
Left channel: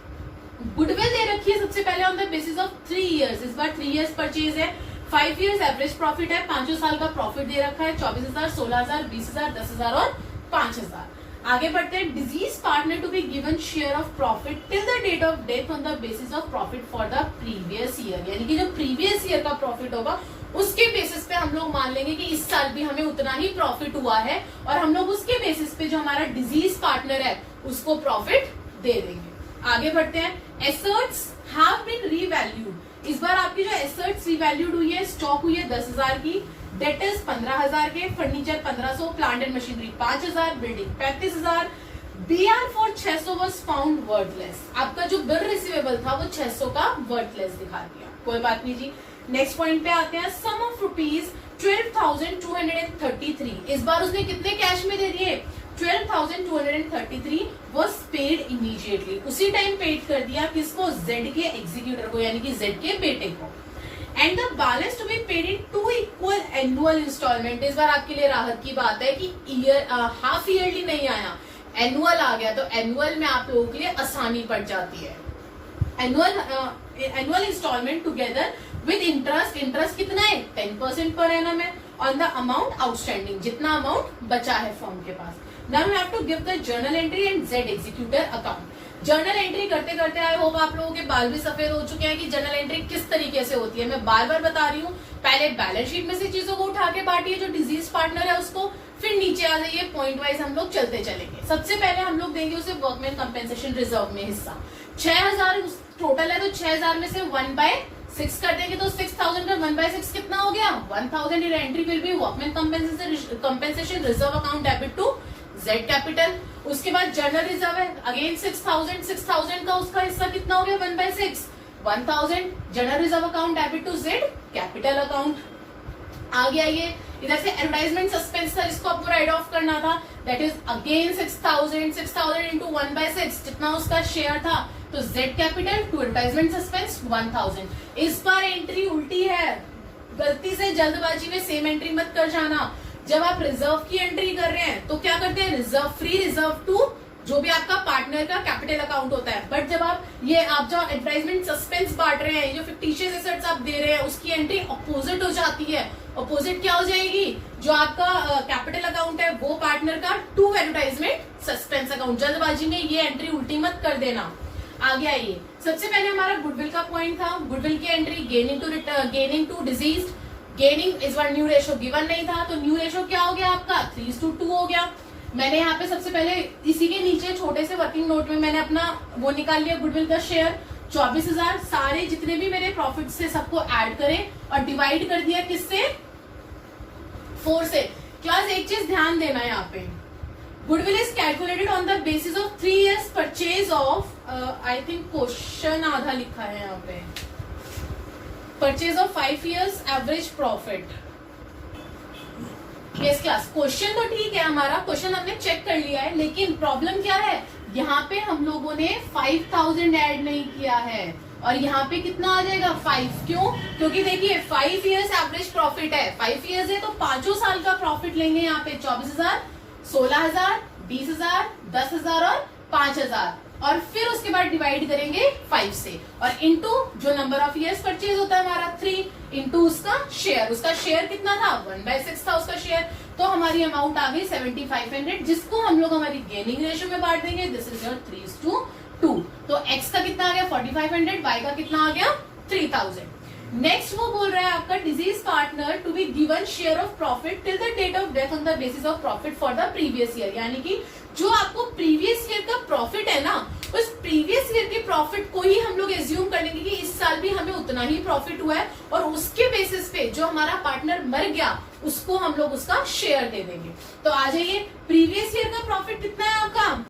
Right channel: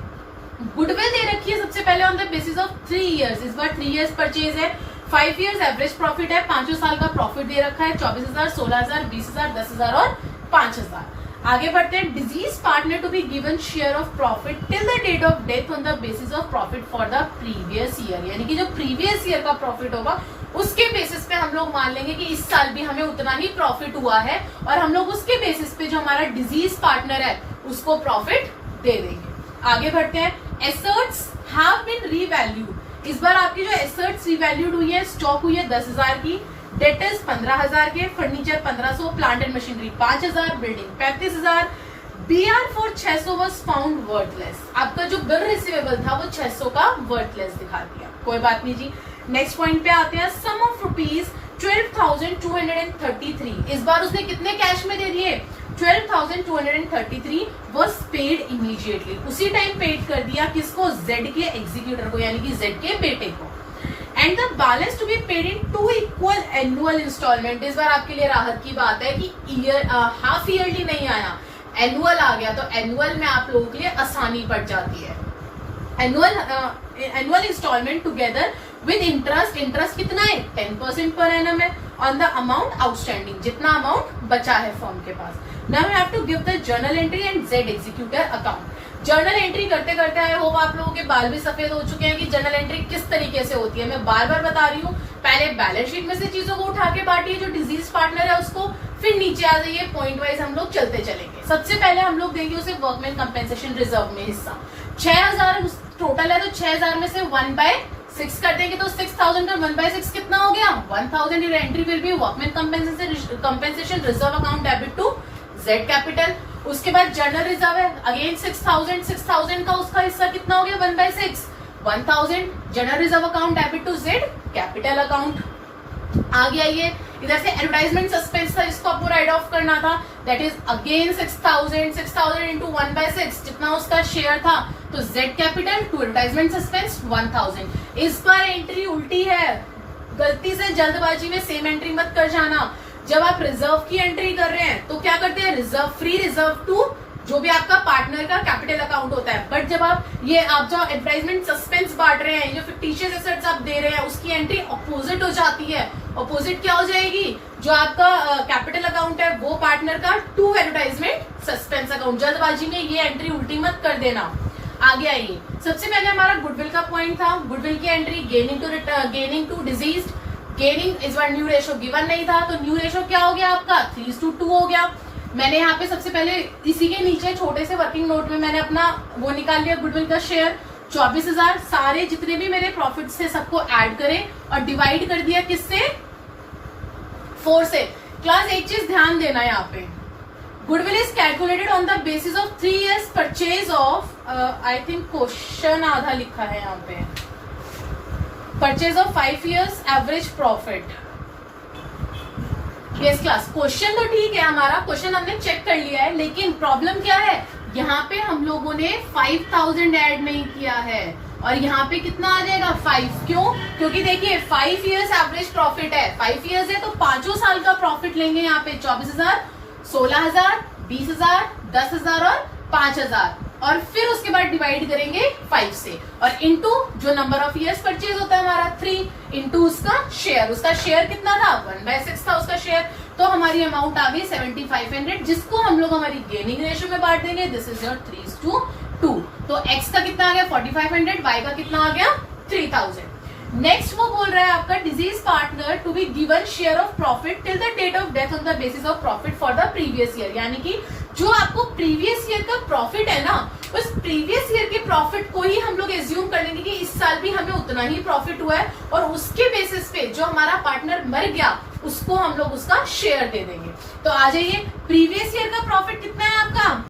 गुडविल दे रखी है सबसे पहले on the basis of 3 years. इस बार 3 इयर्स परचेज है, 5 इयर्स एवरेज प्रॉफिट है, 5 साल का प्रॉफिट दे रखा है, 24,000, 16,000, 20,000, 10,000 और 5,000। आगे बढ़ते हैं। Deceased partner to be given share of profit till the date of death on the basis of profit for the previous year. यानी कि जो प्रीवियस ईयर का प्रॉफिट होगा उसके बेसिस पे हम लोग मान लेंगे कि इस साल भी हमें उतना ही प्रॉफिट हुआ है, और हम लोग उसके बेसिस पे जो हमारा डिजीज पार्टनर है उसको प्रॉफिट दे देंगे। आगे बढ़ते हैं। Assets have been revalued. इस बार आपकी जो एसेट्स रीवैल्यूड हुई है, स्टॉक हुई है 10,000 की, डेटर्स 15,000 के, furniture 1,500, plant and machinery 5,000, building 35,000। BR for 600 was found worthless. आपका जो बिल रिसीवेबल था वो 600 का वर्थलेस दिखा दिया, कोई बात नहीं जी। नेक्स्ट पॉइंट पे आते हैं। सम ऑफ रुपीज 12,233। इस बार उसने कितने कैश में दे दिए? 12,233 वॉज पेड इमीडिएटली। उसी टाइम पेड कर दिया, किसको? Z के एग्जीक्यूटर को, यानी कि Z के बेटे को। And the balance to be paid in 2 equal annual instalment. इस बार आपके लिए राहत की बात है कि हाफ ईयरली नहीं आया, एनुअल आ गया, तो एनुअल में आप लोगों के लिए आसानी पड़ जाती है। Annual instalment together with interest. Interest कितना है? 10% पर एनम है ऑन द अमाउंट आउटस्टैंडिंग, जितना अमाउंट बचा है फर्म के पास। Now you have to give the journal entry and Z executor account. Journal entry करते करते आए होप आप लोगों के बाल भी सफेद हो चुके हैं कि जर्नल एंट्री किस तरीके से होती है। मैं बार बार बता रही हूँ, पहले बैलेंस शीट में से चीजों को उठा के बांटिए जो डिजीज पार्टनर है उसको, फिर नीचे आ जाइए, पॉइंट वाइज हम लोग चलते चलेंगे। सबसे पहले हम लोग देंगे उसे वर्कमैन कंपेंसेशन रिजर्व में हिस्सा। 6,000 टोटल है, तो 6,000 में से 1/6 कर देंगे, तो 6,000 का 1/6 कितना हो गया? 1,000। ये entry will be workman compensation reserve account debit to Z capital. उसके बाद जर्नल रिजर्व है, अगेन 6,000 का उसका हिस्सा कितना हो गया? 1/6, 1,000। General reserve account debit to Z capital account. आ गया ये। इधर से एडवर्टाइजमेंट सस्पेंस था जिसको आपको राइट ऑफ करना था, दैट इज अगेन 6,000 इंटू 1/6, जितना उसका शेयर था, तो Z capital to advertisement suspense 1,000। इस बार एंट्री उल्टी है, गलती से जल्दबाजी में सेम एंट्री मत कर जाना। जब आप रिजर्व की एंट्री कर रहे हैं तो क्या करते हैं? रिजर्व फ्री, रिजर्व टू, जो भी आपका पार्टनर का कैपिटल अकाउंट होता है। बट जब आप जो एडवर्टाइजमेंट सस्पेंस बांट रहे हैं, जो फिक्टिशियस एसेट्स आप दे रहे हैं, उसकी एंट्री अपोजिट हो जाती है। अपोजिट क्या हो जाएगी? जो आपका कैपिटल अकाउंट है वो पार्टनर का टू एडवर्टाइजमेंट सस्पेंस अकाउंट। जल्दबाजी में ये एंट्री उल्टी मत कर देना। आगे आइए। सबसे पहले हमारा गुडविल का पॉइंट था। गुडविल की entry gaining to deceased. Gaining इस बार न्यू रेशो गिवन नहीं था, तो न्यू रेशो क्या हो गया आपका? 3:2 हो गया। मैंने यहाँ पे सबसे पहले इसी के नीचे छोटे से वर्किंग नोट में मैंने अपना वो निकाल लिया, गुडविल का शेयर 24,000। सारे जितने भी मेरे प्रॉफिट से सबको ऐड करें और डिवाइड कर दिया किससे? 4 से। क्लास एक चीज ध्यान देना, यहाँ पे goodwill is calculated on the basis of 3 years purchase of, I think question आधा लिखा है यहाँ पे, purchase of 5 years average profit. Yes class, question तो ठीक है, हमारा क्वेश्चन हमने चेक कर लिया है, लेकिन प्रॉब्लम क्या है, यहाँ पे हम लोगों ने 5000 ऐड नहीं किया है और यहाँ पे कितना आ जाएगा 5। क्यों? क्योंकि देखिए 5 years एवरेज प्रॉफिट है, 5 years है तो 5 साल का प्रॉफिट लेंगे यहाँ पे 24,000, 16,000, 20,000, 10,000 और 5,000 और फिर उसके बाद डिवाइड करेंगे 5 से और इनटू जो नंबर ऑफ इयर्स परचेज होता है हमारा 3 इनटू उसका शेयर कितना था 1/6 था उसका शेयर, तो हमारी अमाउंट आ गई 7500 जिसको हम लोग हमारी गेनिंग रेशियो में बांट देंगे। This is your 3:2। तो एक्स का कितना आ गया 4500, वाई का कितना आ गया 3000। नेक्स्ट वो बोल रहा है आपका deceased partner to be given share of profit till the date of death on the basis of profit for the previous year, यानी कि जो आपको प्रीवियस ईयर का प्रॉफिट है ना, उस प्रीवियस ईयर के प्रॉफिट को ही हम लोग एज्यूम कर लेंगे कि इस साल भी हमें उतना ही प्रॉफिट हुआ है और उसके बेसिस पे जो हमारा पार्टनर मर गया उसको हम लोग उसका शेयर दे देंगे। तो आ जाइए, प्रीवियस ईयर का प्रॉफिट कितना है आपका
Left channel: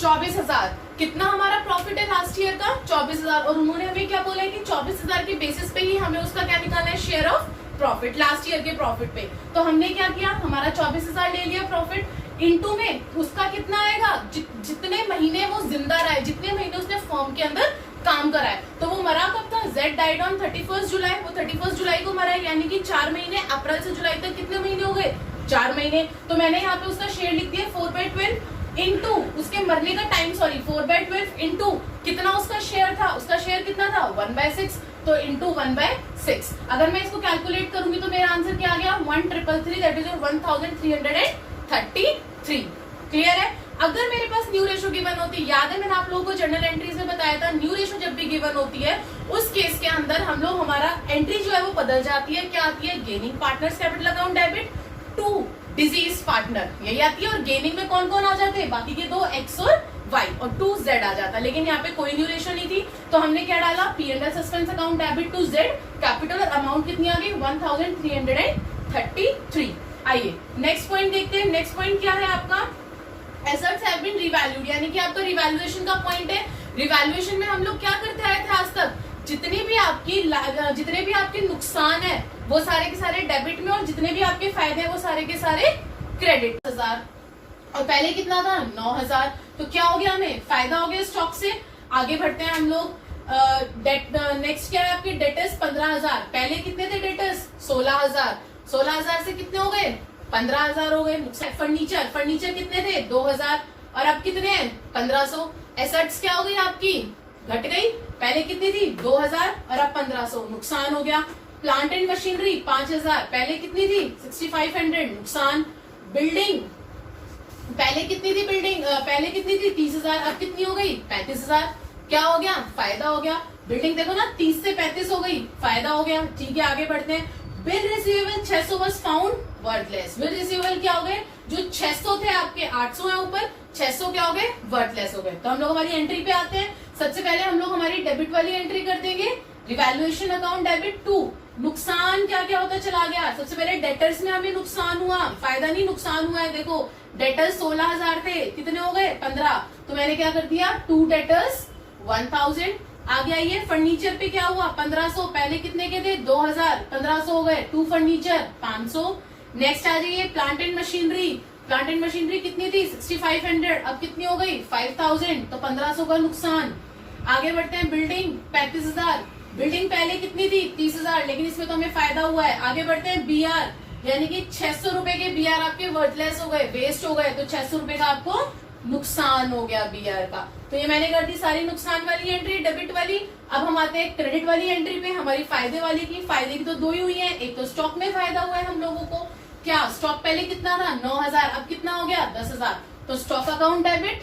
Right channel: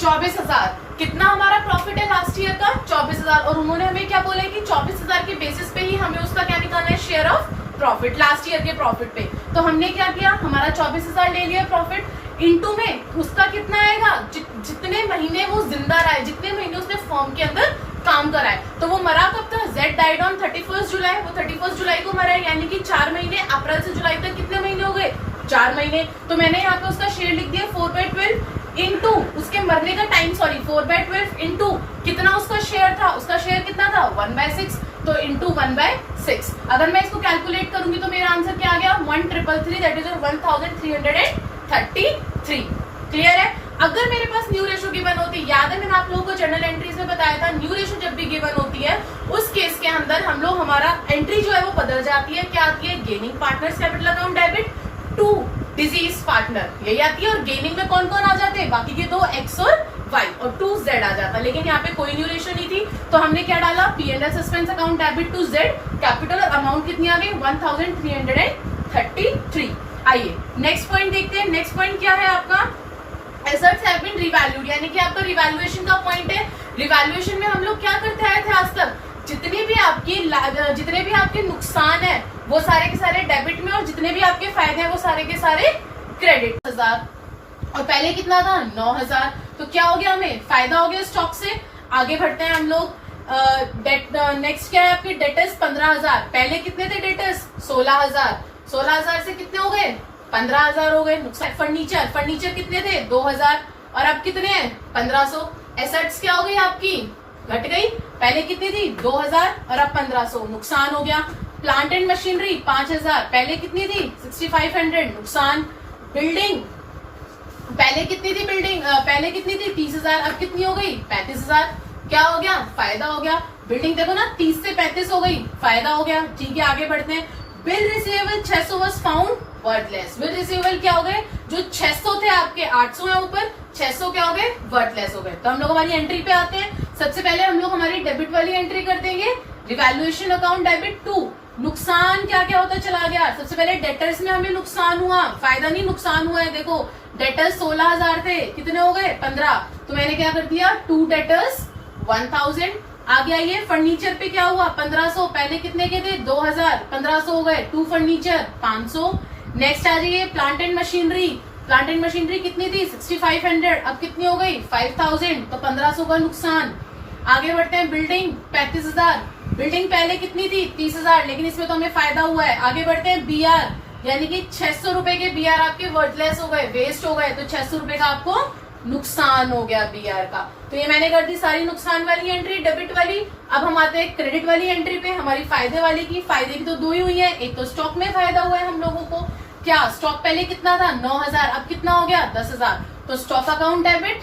24,000, कितना हमारा प्रॉफिट है लास्ट ईयर का 24,000 और उन्होंने हमें क्या बोला है कि 24,000 के बेसिस पे ही हमें उसका क्या निकालना है share of profit last year के प्रॉफिट पे। तो हमने क्या किया, हमारा 24,000 ले लिया प्रॉफिट, इनटू में उसका कितना आएगा जितने महीने वो जिंदा रहा है, जितने महीने उसने फर्म के अंदर काम करा है। तो वो मरा कब था, Z डाइड ऑन 31 जुलाई, वो 31 जुलाई को मरा है, यानी कि 4 महीने, अप्रैल से जुलाई तक कितने महीने हो गए 4 महीने। तो मैंने यहाँ पे उसका शेयर लिख दिया 4/12 इनटू उसके मरने का टाइम, सॉरी 4/12 इनटू कितना उसका शेयर था, उसका शेयर कितना था 1/6, तो इनटू 1/6। अगर मैं इसको कैलकुलेट करूंगी तो मेरा आंसर क्या आ गया 1,333, दैट इज 1333। क्लियर है? अगर मेरे पास न्यू रेशो गिवन होती, याद है मैंने आप लोगों को जर्नल एंट्रीज में बताया था, न्यू रेशो जब भी गिवन होती है उस केस के अंदर हम लोग हमारा एंट्री जो है वो बदल जाती है, क्या आती है gaining partners capital account debit to deceased partner, यही आती है। और गेनिंग में कौन कौन आ जाते हैं, बाकी के दो एक्स और वाई और 2Z आ जाता, लेकिन यहाँ पे कोई न्यू रेशो नहीं थी तो हमने क्या डाला P&L suspense account debit to Z capital और अमाउंट कितनी आ गई 1,333। आइए नेक्स्ट पॉइंट देखते हैं। नेक्स्ट पॉइंट क्या है आपका, एसेट्स हैव बीन रिवैल्यूड, यानी कि आपका रिवैल्यूएशन का पॉइंट है। रिवैल्यूएशन में हम लोग क्या करते आए थे आज तक, जितने भी आपके नुकसान है वो सारे के सारे डेबिट में और जितने भी आपके फायदे हैं वो सारे के सारे क्रेडिट। 1000 और पहले कितना था 9,000, तो क्या हो गया हमें फायदा हो गया स्टॉक से। आगे बढ़ते हैं हम लोग, नेक्स्ट क्या है आपके डेटर्स 15,000, पहले कितने थे डेटर्स 16,000, 16,000 से कितने हो गए 15,000 हो गए। फर्नीचर कितने थे 2,000 और अब कितने हैं 1,500। एसेट्स क्या हो गई आपकी घट गई, पहले कितनी थी 2,000 और अब 1,500, नुकसान हो गया। प्लांट एंड मशीनरी 5,000, पहले कितनी थी 6,500, नुकसान। बिल्डिंग पहले कितनी थी पहले कितनी थी 30,000, अब कितनी हो गई 35,000, क्या हो गया फायदा हो गया। बिल्डिंग देखो ना 30 से 35 हो गई, फायदा हो गया। ठीक है आगे बढ़ते हैं। Bill receivable 600 was found worthless, bill receivable क्या हो गए, जो 600 थे आपके 800 है ऊपर, 600 क्या हो गए वर्थलेस हो गए। तो हम लोग हमारी एंट्री पे आते हैं। सबसे पहले हम लोग हमारी डेबिट वाली एंट्री कर देंगे, रिवैल्यूएशन अकाउंट डेबिट टू नुकसान क्या क्या होता चला गया। सबसे पहले डेटर्स में हमें नुकसान हुआ, फायदा नहीं नुकसान हुआ है। देखो डेटर्स 16,000 थे, कितने हो गए 15, तो मैंने क्या कर दिया 2 डेटर्स 1,000। आगे आइए फर्नीचर पे क्या हुआ 1,500, पहले कितने के थे 2,000, 1,500 हो गए 2 फर्नीचर 500। नेक्स्ट आ जाइए plant and machinery, plant and machinery कितनी थी 6,500, अब कितनी हो गई 5,000, तो 1,500 का नुकसान। आगे बढ़ते हैं बिल्डिंग 35,000, बिल्डिंग पहले कितनी थी 30,000, लेकिन इसमें तो हमें फायदा हुआ है। आगे बढ़ते हैं BR, यानी कि 600 रुपए के BR आपके वर्थलेस हो गए, वेस्ट हो गए, तो 600 रुपए का आपको नुकसान हो गया BR का। तो ये मैंने कर दी सारी नुकसान वाली एंट्री डेबिट वाली। अब हम आते हैं क्रेडिट वाली एंट्री पे, हमारी फायदे वाली की। फायदे की तो दो ही हुई है, एक तो स्टॉक में फायदा हुआ है हम लोगों को, क्या स्टॉक पहले कितना था 9,000, अब कितना हो गया 10,000, तो स्टॉक अकाउंट डेबिट।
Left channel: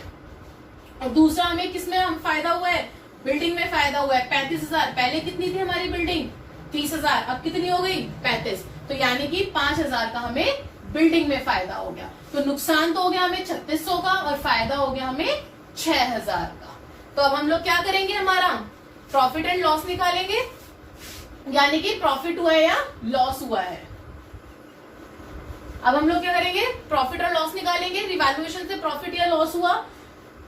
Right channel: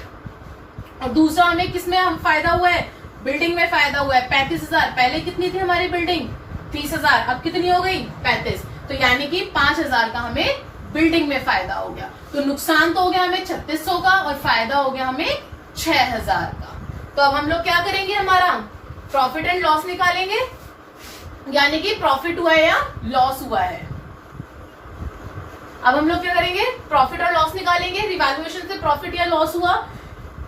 और दूसरा हमें किसमें हम फायदा हुआ है, बिल्डिंग में फायदा हुआ है 35,000, पहले कितनी थी हमारी बिल्डिंग 30,000, अब कितनी हो गई 35, तो यानी कि 5,000 का हमें बिल्डिंग में फायदा हो गया। तो नुकसान तो हो गया हमें 3,600 का और फायदा हो गया हमें 6,000 का। तो अब हम लोग क्या करेंगे, हमारा प्रॉफिट एंड लॉस निकालेंगे, यानी कि प्रॉफिट हुआ है या लॉस हुआ है। अब हम लोग क्या करेंगे, प्रॉफिट और लॉस निकालेंगे। रिवैल्यूएशन से प्रॉफिट या लॉस हुआ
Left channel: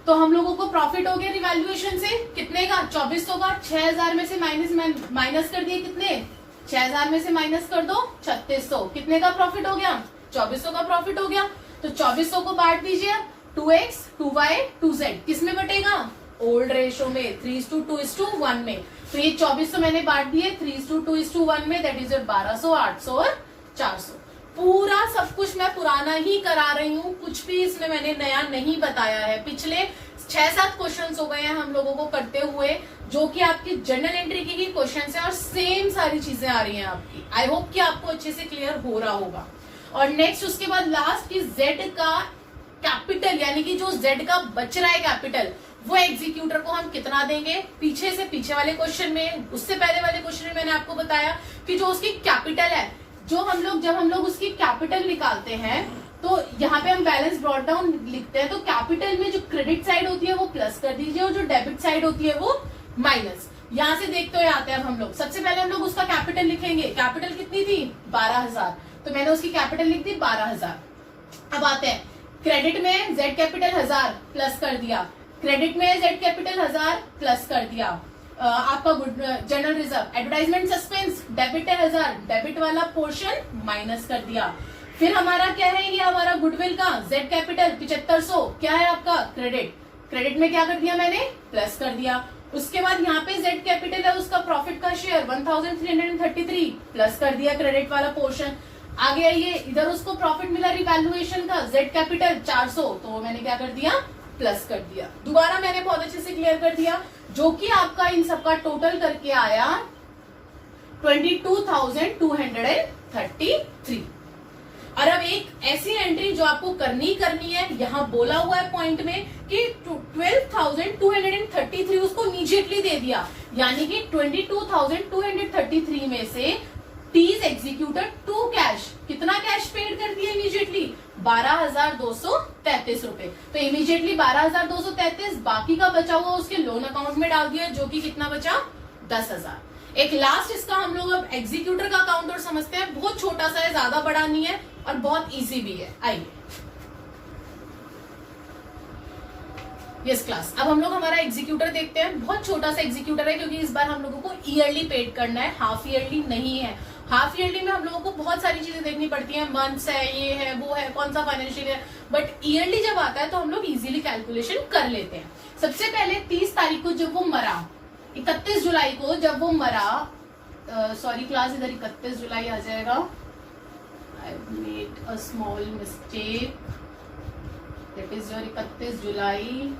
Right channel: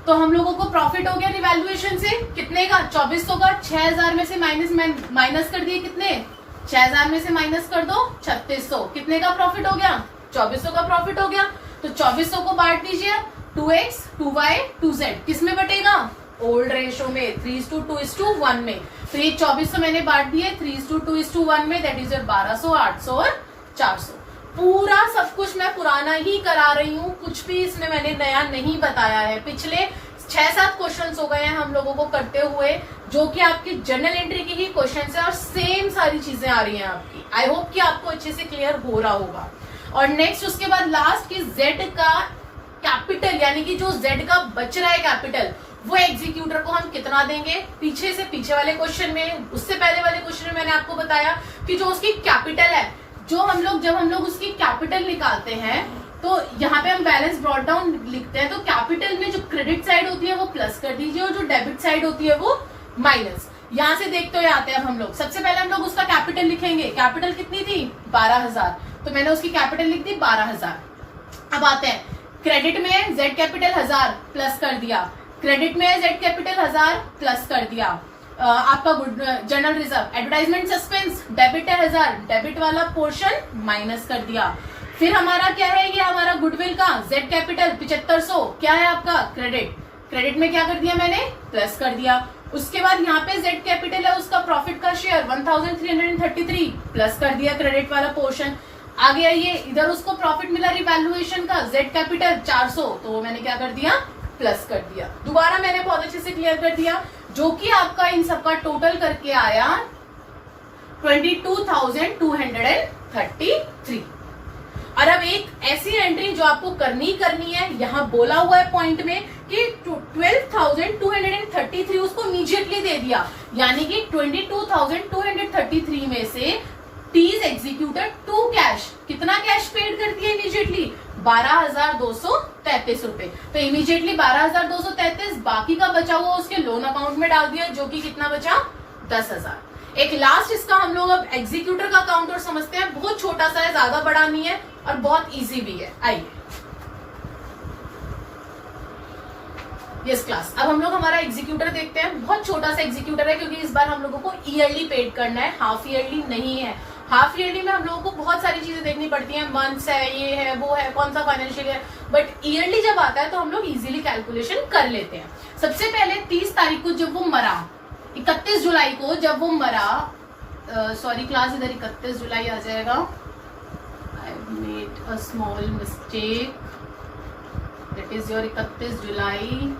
तो हम लोगों को प्रॉफिट हो गया रिवैल्यूएशन से कितने का, 2400 का। 6000 में से माइनस कर दिए कितने, 6000 में से माइनस कर दो 3600, कितने का प्रॉफिट हो गया, 2400 का प्रॉफिट हो गया। तो 2400 को बांट दीजिए 2x 2y 2z, किस में बटेगा, ओल्ड रेशो में 3:2:1 में। तो ये 2400 मैंने बांट दिए 3:2:1 में, दैट इज 1200, 800 और 400। पूरा सब कुछ मैं पुराना ही करा रही हूँ, कुछ भी इसमें मैंने नया नहीं बताया है। पिछले 6-7 क्वेश्चंस हो गए हैं हम लोगों को करते हुए, जो कि आपकी जनरल एंट्री की ही क्वेश्चंस है और सेम सारी चीजें आ रही हैं आपकी। आई होप कि आपको अच्छे से क्लियर हो रहा होगा। और नेक्स्ट उसके बाद लास्ट की जेड का कैपिटल, यानी कि जो जेड का बच रहा है कैपिटल, वो एग्जीक्यूटर को हम कितना देंगे। पीछे से पीछे वाले क्वेश्चन में, उससे पहले वाले क्वेश्चन में मैंने आपको बताया कि जो उसकी कैपिटल है, जो जब हम लोग उसकी कैपिटल निकालते हैं तो यहाँ पे हम बैलेंस ब्रॉट डाउन लिखते हैं, तो कैपिटल में जो क्रेडिट साइड होती है वो प्लस कर दीजिए और जो डेबिट साइड होती है वो माइनस। यहाँ से देखते हुए आते हैं हम लोग। सबसे पहले हम लोग उसका कैपिटल लिखेंगे। कैपिटल कितनी थी, 12000, तो मैंने उसकी कैपिटल लिख दी 12000। अब आते हैं क्रेडिट में जेड कैपिटल 1000 प्लस कर दिया, क्रेडिट में जेड कैपिटल 1000 प्लस कर दिया। आपका general reserve, advertisement suspense debit है 1000, डेबिट वाला पोर्शन माइनस कर दिया। फिर हमारा क्या है, ये हमारा गुडविल का जेड कैपिटल 7500 क्या है आपका, क्रेडिट, क्रेडिट में क्या कर दिया मैंने, प्लस कर दिया। उसके बाद यहाँ पे जेड कैपिटल है उसका प्रॉफिट का शेयर 1333 प्लस कर दिया क्रेडिट वाला पोर्शन। आगे आइए, इधर उसको प्रॉफिट मिला रिवैल्यूएशन का, जेड कैपिटल 400, तो वो मैंने क्या कर दिया, प्लस कर दिया। दोबारा मैंने बहुत अच्छे से क्लियर कर दिया, जो कि आपका इन सबका टोटल करके आया 22,233। और अब एक ऐसी एंट्री जो आपको करनी है, यहाँ बोला हुआ है पॉइंट में कि 12,233 उसको इमीडिएटली दे दिया, यानी कि 22,233 में से टीज एग्जीक्यूटेड टू कैश, कितना कैश पेड कर दिया इमीडिएटली, 12,233 रुपए। तो इमीडिएटली 12,233, बाकी का बचा हुआ उसके लोन अकाउंट में डाल दिया, जो कि कितना बचा, 10,000। एक लास्ट इसका हम लोग अब एग्जीक्यूटर का अकाउंट और समझते हैं, बहुत छोटा सा है, ज्यादा बड़ा नहीं है और बहुत इजी भी है। आइए यस क्लास, अब हम लोग हमारा एग्जीक्यूटर देखते हैं। बहुत छोटा सा एग्जीक्यूटर है, क्योंकि इस बार हम लोगों को ईयरली पेड करना है, हाफ ईयरली नहीं है। हाफ ईयरली में हम लोगों को बहुत सारी चीजें देखनी पड़ती हैं, मंथ्स है, ये है, वो है, कौन सा फाइनेंशियल है, बट ईयरली जब आता है तो हम लोग इजीली कैलकुलेशन कर लेते हैं। सबसे पहले 30 तारीख को जब वो मरा, 31 जुलाई को जब वो मरा, सॉरी क्लास इधर 31 जुलाई आ जाएगा, I made a small mistake, that is your 31 जुलाई।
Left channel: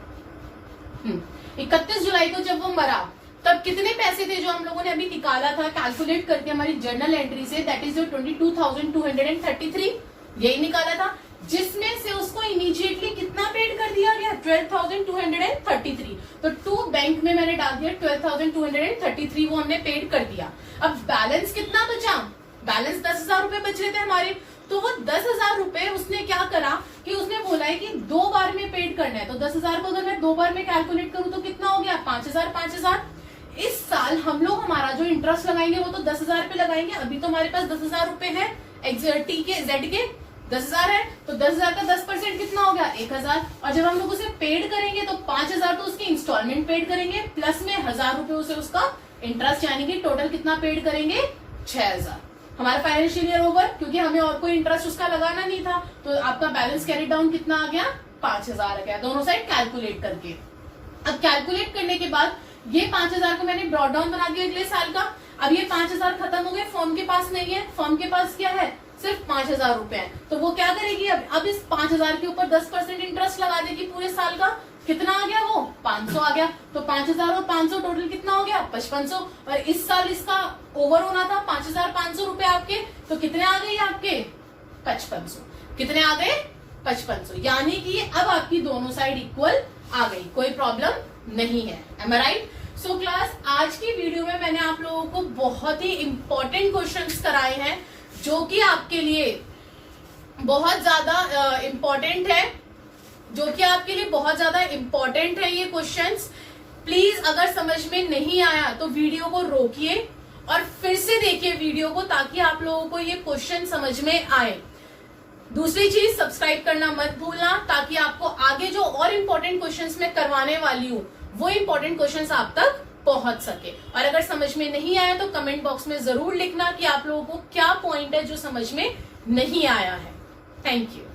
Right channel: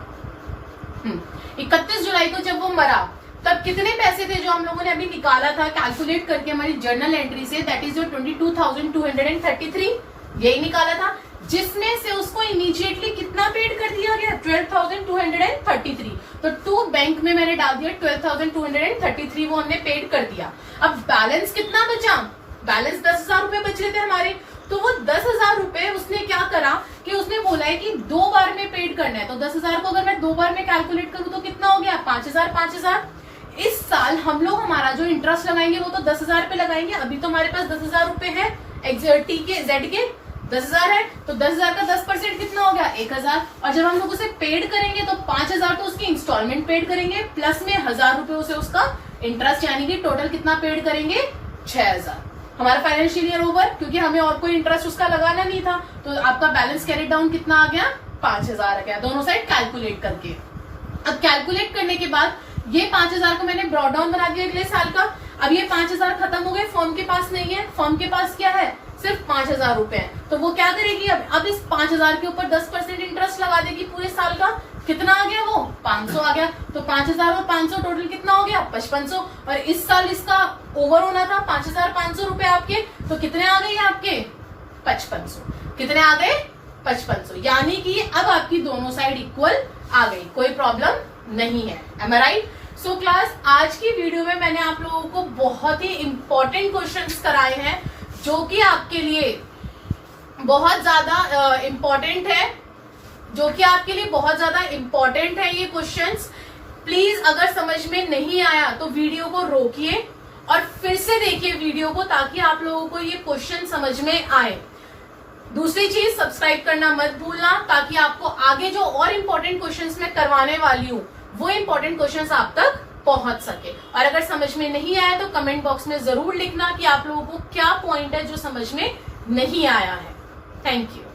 31 जुलाई को जब वो मरा, तब कितने पैसे थे जो हम लोगों ने अभी निकाला था कैलकुलेट करके हमारी जर्नल एंट्री से, दैट इज योर 22,233, यही निकाला था, जिसमें से उसको इमीडिएटली कितना पेड कर दिया गया, 12,233। तो टू बैंक में मैंने डाल दिया 12,233, वो हमने पेड कर दिया। अब बैलेंस कितना बचा, बैलेंस 10,000 रुपए बच रहे थे हमारे, तो वो 10,000 रुपए उसने क्या करा कि उसने बोला है कि 2 बार में पेड करना है। तो 10,000 को अगर मैं 2 बार में कैलकुलेट करूं तो कितना हो गया, 5,000। इस साल हम लोग हमारा जो इंटरेस्ट लगाएंगे वो तो 10,000 पे लगाएंगे। अभी तो हमारे पास 10,000 रुपए है, टी के जेड के 10,000 है, तो 10,000 का 10% कितना हो गया, 1,000। और जब हम लोग उसे पेड करेंगे तो 5,000 तो उसकी इंस्टॉलमेंट पेड करेंगे, प्लस में 1,000 रुपए उसे उसका इंटरेस्ट, यानी कि टोटल कितना पेड करेंगे, 6,000। हमारा फाइनेंशियल ईयर ओवर, क्योंकि हमें और कोई इंटरेस्ट उसका लगाना नहीं था, तो आपका बैलेंस कैरी डाउन कितना आ गया, 5,000 आ गया, दोनों साइड कैलकुलेट करके। अब कैलकुलेट करने के बाद ये 5,000 को मैंने ब्रॉड डाउन बना दिया अगले साल का। अब ये 5,000 खत्म हो गए, फर्म के पास नहीं है, फर्म के पास क्या है, सिर्फ 5,000 रुपए है। तो वो क्या करेगी, अब इस 5,000 के ऊपर 10% इंटरेस्ट लगा देगी पूरे साल का। कितना आ गया, वो 500 आ गया। तो 5,000 और 500 टोटल कितना हो गया, 5500। और इस साल इसका ओवर होना था 5,500 रुपए आपके, तो कितने आ गए आपके, 5500। कितने आ गए, 5500, यानी कि अब आपकी दोनों साइड इक्वल आ गई, कोई प्रॉब्लम नहीं है। एम आई राइट? सो क्लास, आज की वीडियो में मैंने आप लोगों को बहुत ही इंपॉर्टेंट क्वेश्चंस कराए हैं, जो कि आपके लिए बहुत ज्यादा इंपॉर्टेंट है, ये क्वेश्चंस। प्लीज अगर समझ में नहीं आया तो वीडियो को रोकिए और फिर से देखिए वीडियो को, ताकि आप लोगों को ये क्वेश्चन समझ में आए। दूसरी चीज, सब्सक्राइब करना मत भूलना, ताकि आपको आगे जो और इम्पोर्टेंट क्वेश्चंस मैं करवाने वाली हूँ वो इम्पोर्टेंट क्वेश्चंस आप तक पहुंच सके। और अगर समझ में नहीं आया तो कमेंट बॉक्स में जरूर लिखना कि आप लोगों को क्या पॉइंट है जो समझ में नहीं आया है। Thank you.